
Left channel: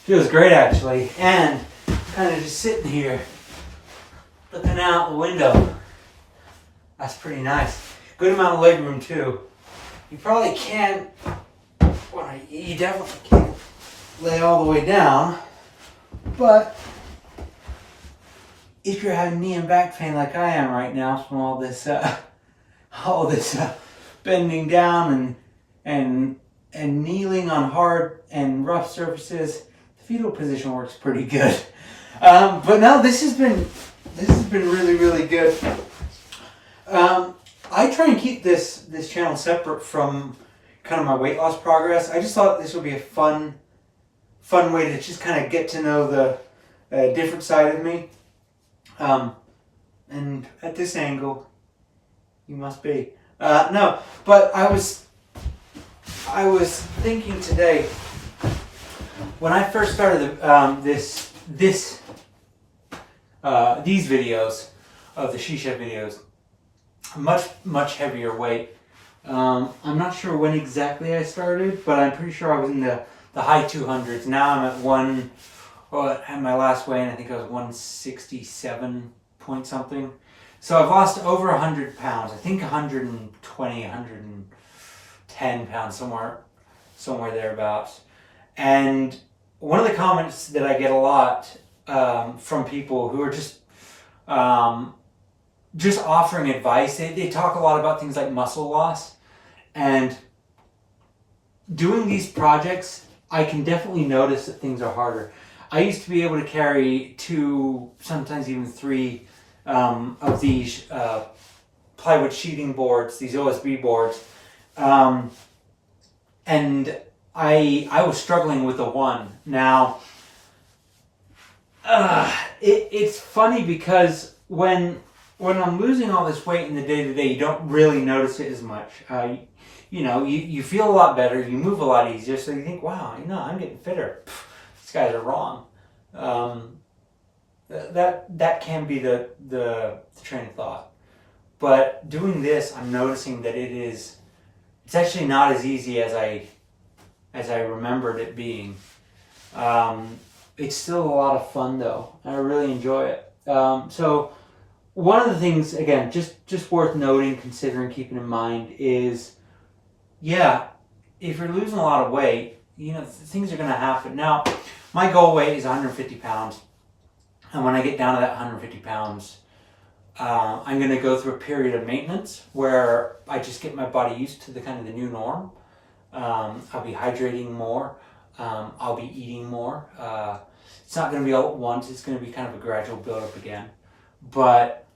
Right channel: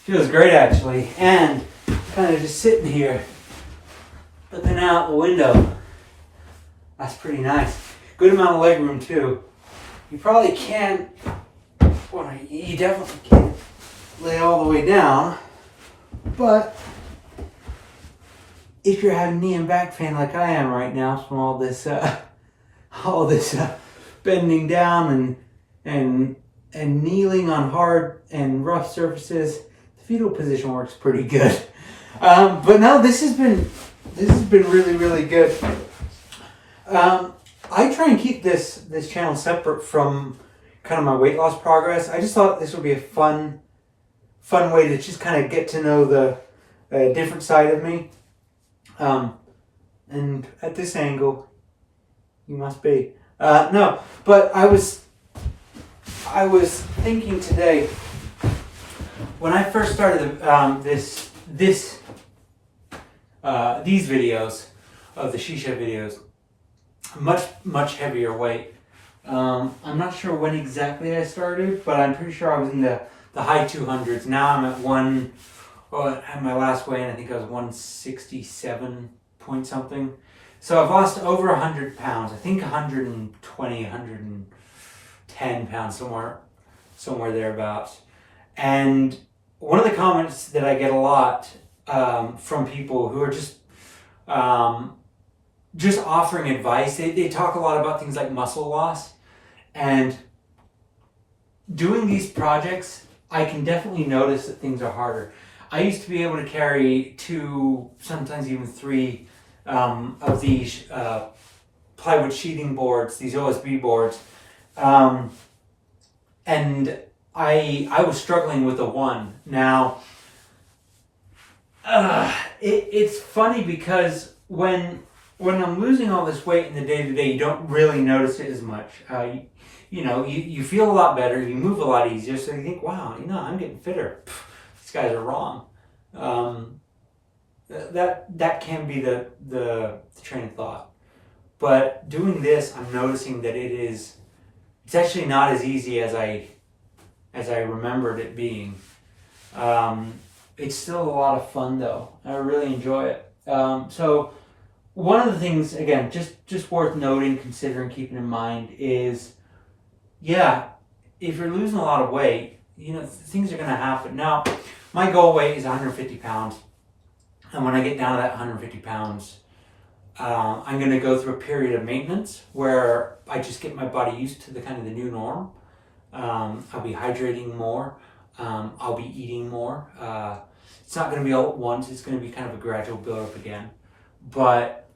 Feels great actually, and kind of just sitting here, looking out the window. That's pretty nice. Good amount of leg room too. You probably can't, well, you definitely can't lay all the way down, but if you're having knee and back pain like I am right now from all this bending down and kneeling on hard and rough surfaces, the fetal position works pretty good. But no, this has been really, really good. I try and keep this channel separate from kind of my weight loss progress. I just thought this would be a fun way to just kind of get to know the different side of me. And at this angle, you must be. No, but I was thinking today, when I first started these videos of the SheShed videos, much heavier weight. I'm not sure when exactly I started, but I'm pretty sure I was in the high 200s. Now I'm at my last weigh-in, I think I was 167 point something. So I've lost over 100 pounds. I think 120, 110 pounds, somewhere thereabouts. And one of the comments that I get a lot from people who are just offering advice, they talk a lot about things like muscle loss. And doing these projects, I can definitely notice that things are harder. I used to be able to carry 2, sometimes even 3 of these plywood sheathing boards, these OSB boards, and I was struggling with a 1. Now, it's funny because when I'm losing all this weight in the day-to-day, you don't really notice it as much. You feel a lot better, you move a lot easier, so you think, wow, I'm getting fitter. Pff, these guys are wrong. That can be the train of thought. But doing this, I'm noticing that it's actually not as easy as I remembered it being. It's still a lot of fun though, and I really enjoy it. So one of the things, again, just worth noting, considering, keeping in mind is, yeah, if you're losing a lot of weight, things are going to happen. Now, my goal weight is 150 pounds. And when I get down to that 150 pounds, I'm going to go through a period of maintenance where I just get my body used to the new norm. I'll be hydrating more. I'll be eating more. It's not going to be all at once. It's going to be kind of a gradual build up again. But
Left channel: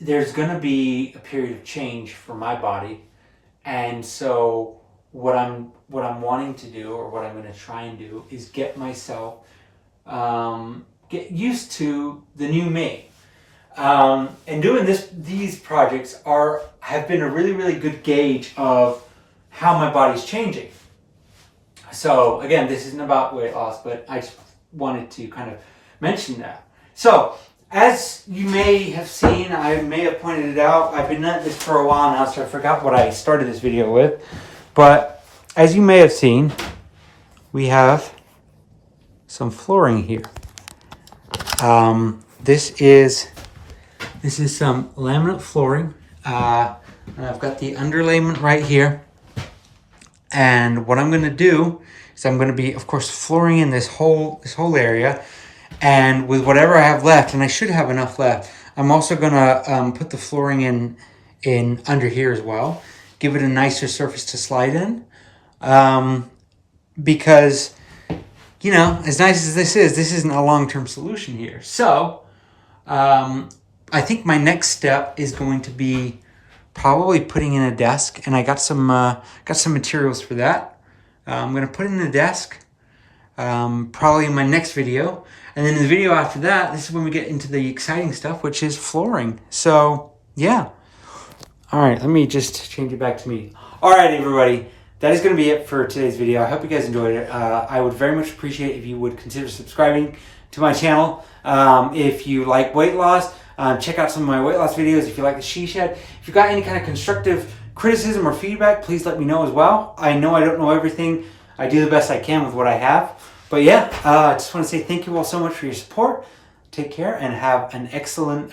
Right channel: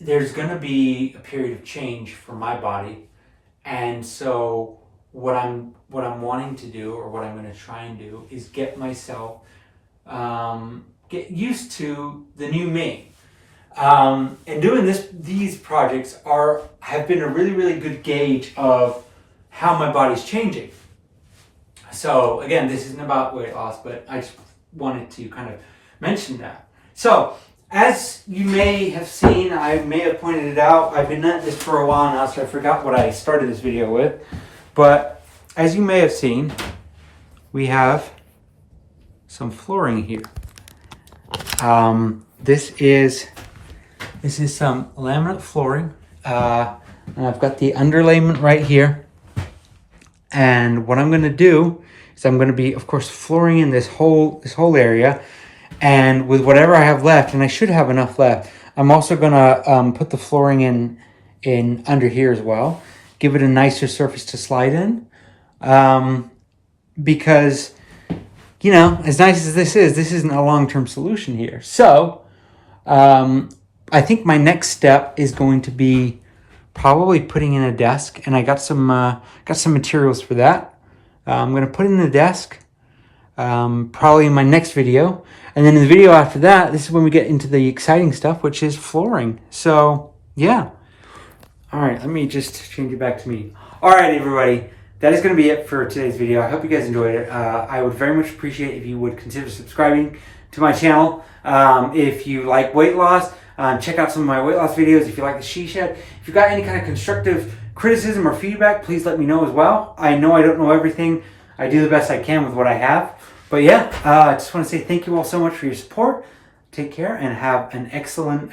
there's going to be a period of change for my body. And so what I'm wanting to do, or what I'm going to try and do, is get myself get used to the new me. And doing these projects have been a really, really good gauge of how my body's changing. So again, this isn't about weight loss, but I just wanted to kind of mention that. So as you may have seen, I may have pointed it out, I've been at this for a while now, so I forgot what I started this video with. But as you may have seen, we have some flooring here. This is some laminate flooring, and I've got the underlayment right here. And what I'm going to do is I'm going to be, of course, flooring in this whole area, and with whatever I have left, and I should have enough left, I'm also going to put the flooring in under here as well, give it a nicer surface to slide in, because, as nice as this isn't a long-term solution here. So I think my next step is going to be probably putting in a desk, and I got some materials for that. I'm going to put in a desk, probably in my next video. And then in the video after that, this is when we get into the exciting stuff, which is flooring. So, yeah. All right, let me just change it back to me. All right, everybody. That is going to be it for today's video. I hope you guys enjoyed it. I would very much appreciate if you would consider subscribing to my channel. If you like weight loss, check out some of my weight loss videos. If you like the SheShed, if you've got any kind of constructive criticism or feedback, please let me know as well. I know I don't know everything. I do the best I can with what I have. But yeah, I just want to say thank you all so much for your support. Take care and have an excellent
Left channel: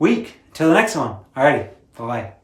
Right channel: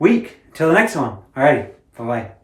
week. Till the next one. Alrighty. Bye-bye.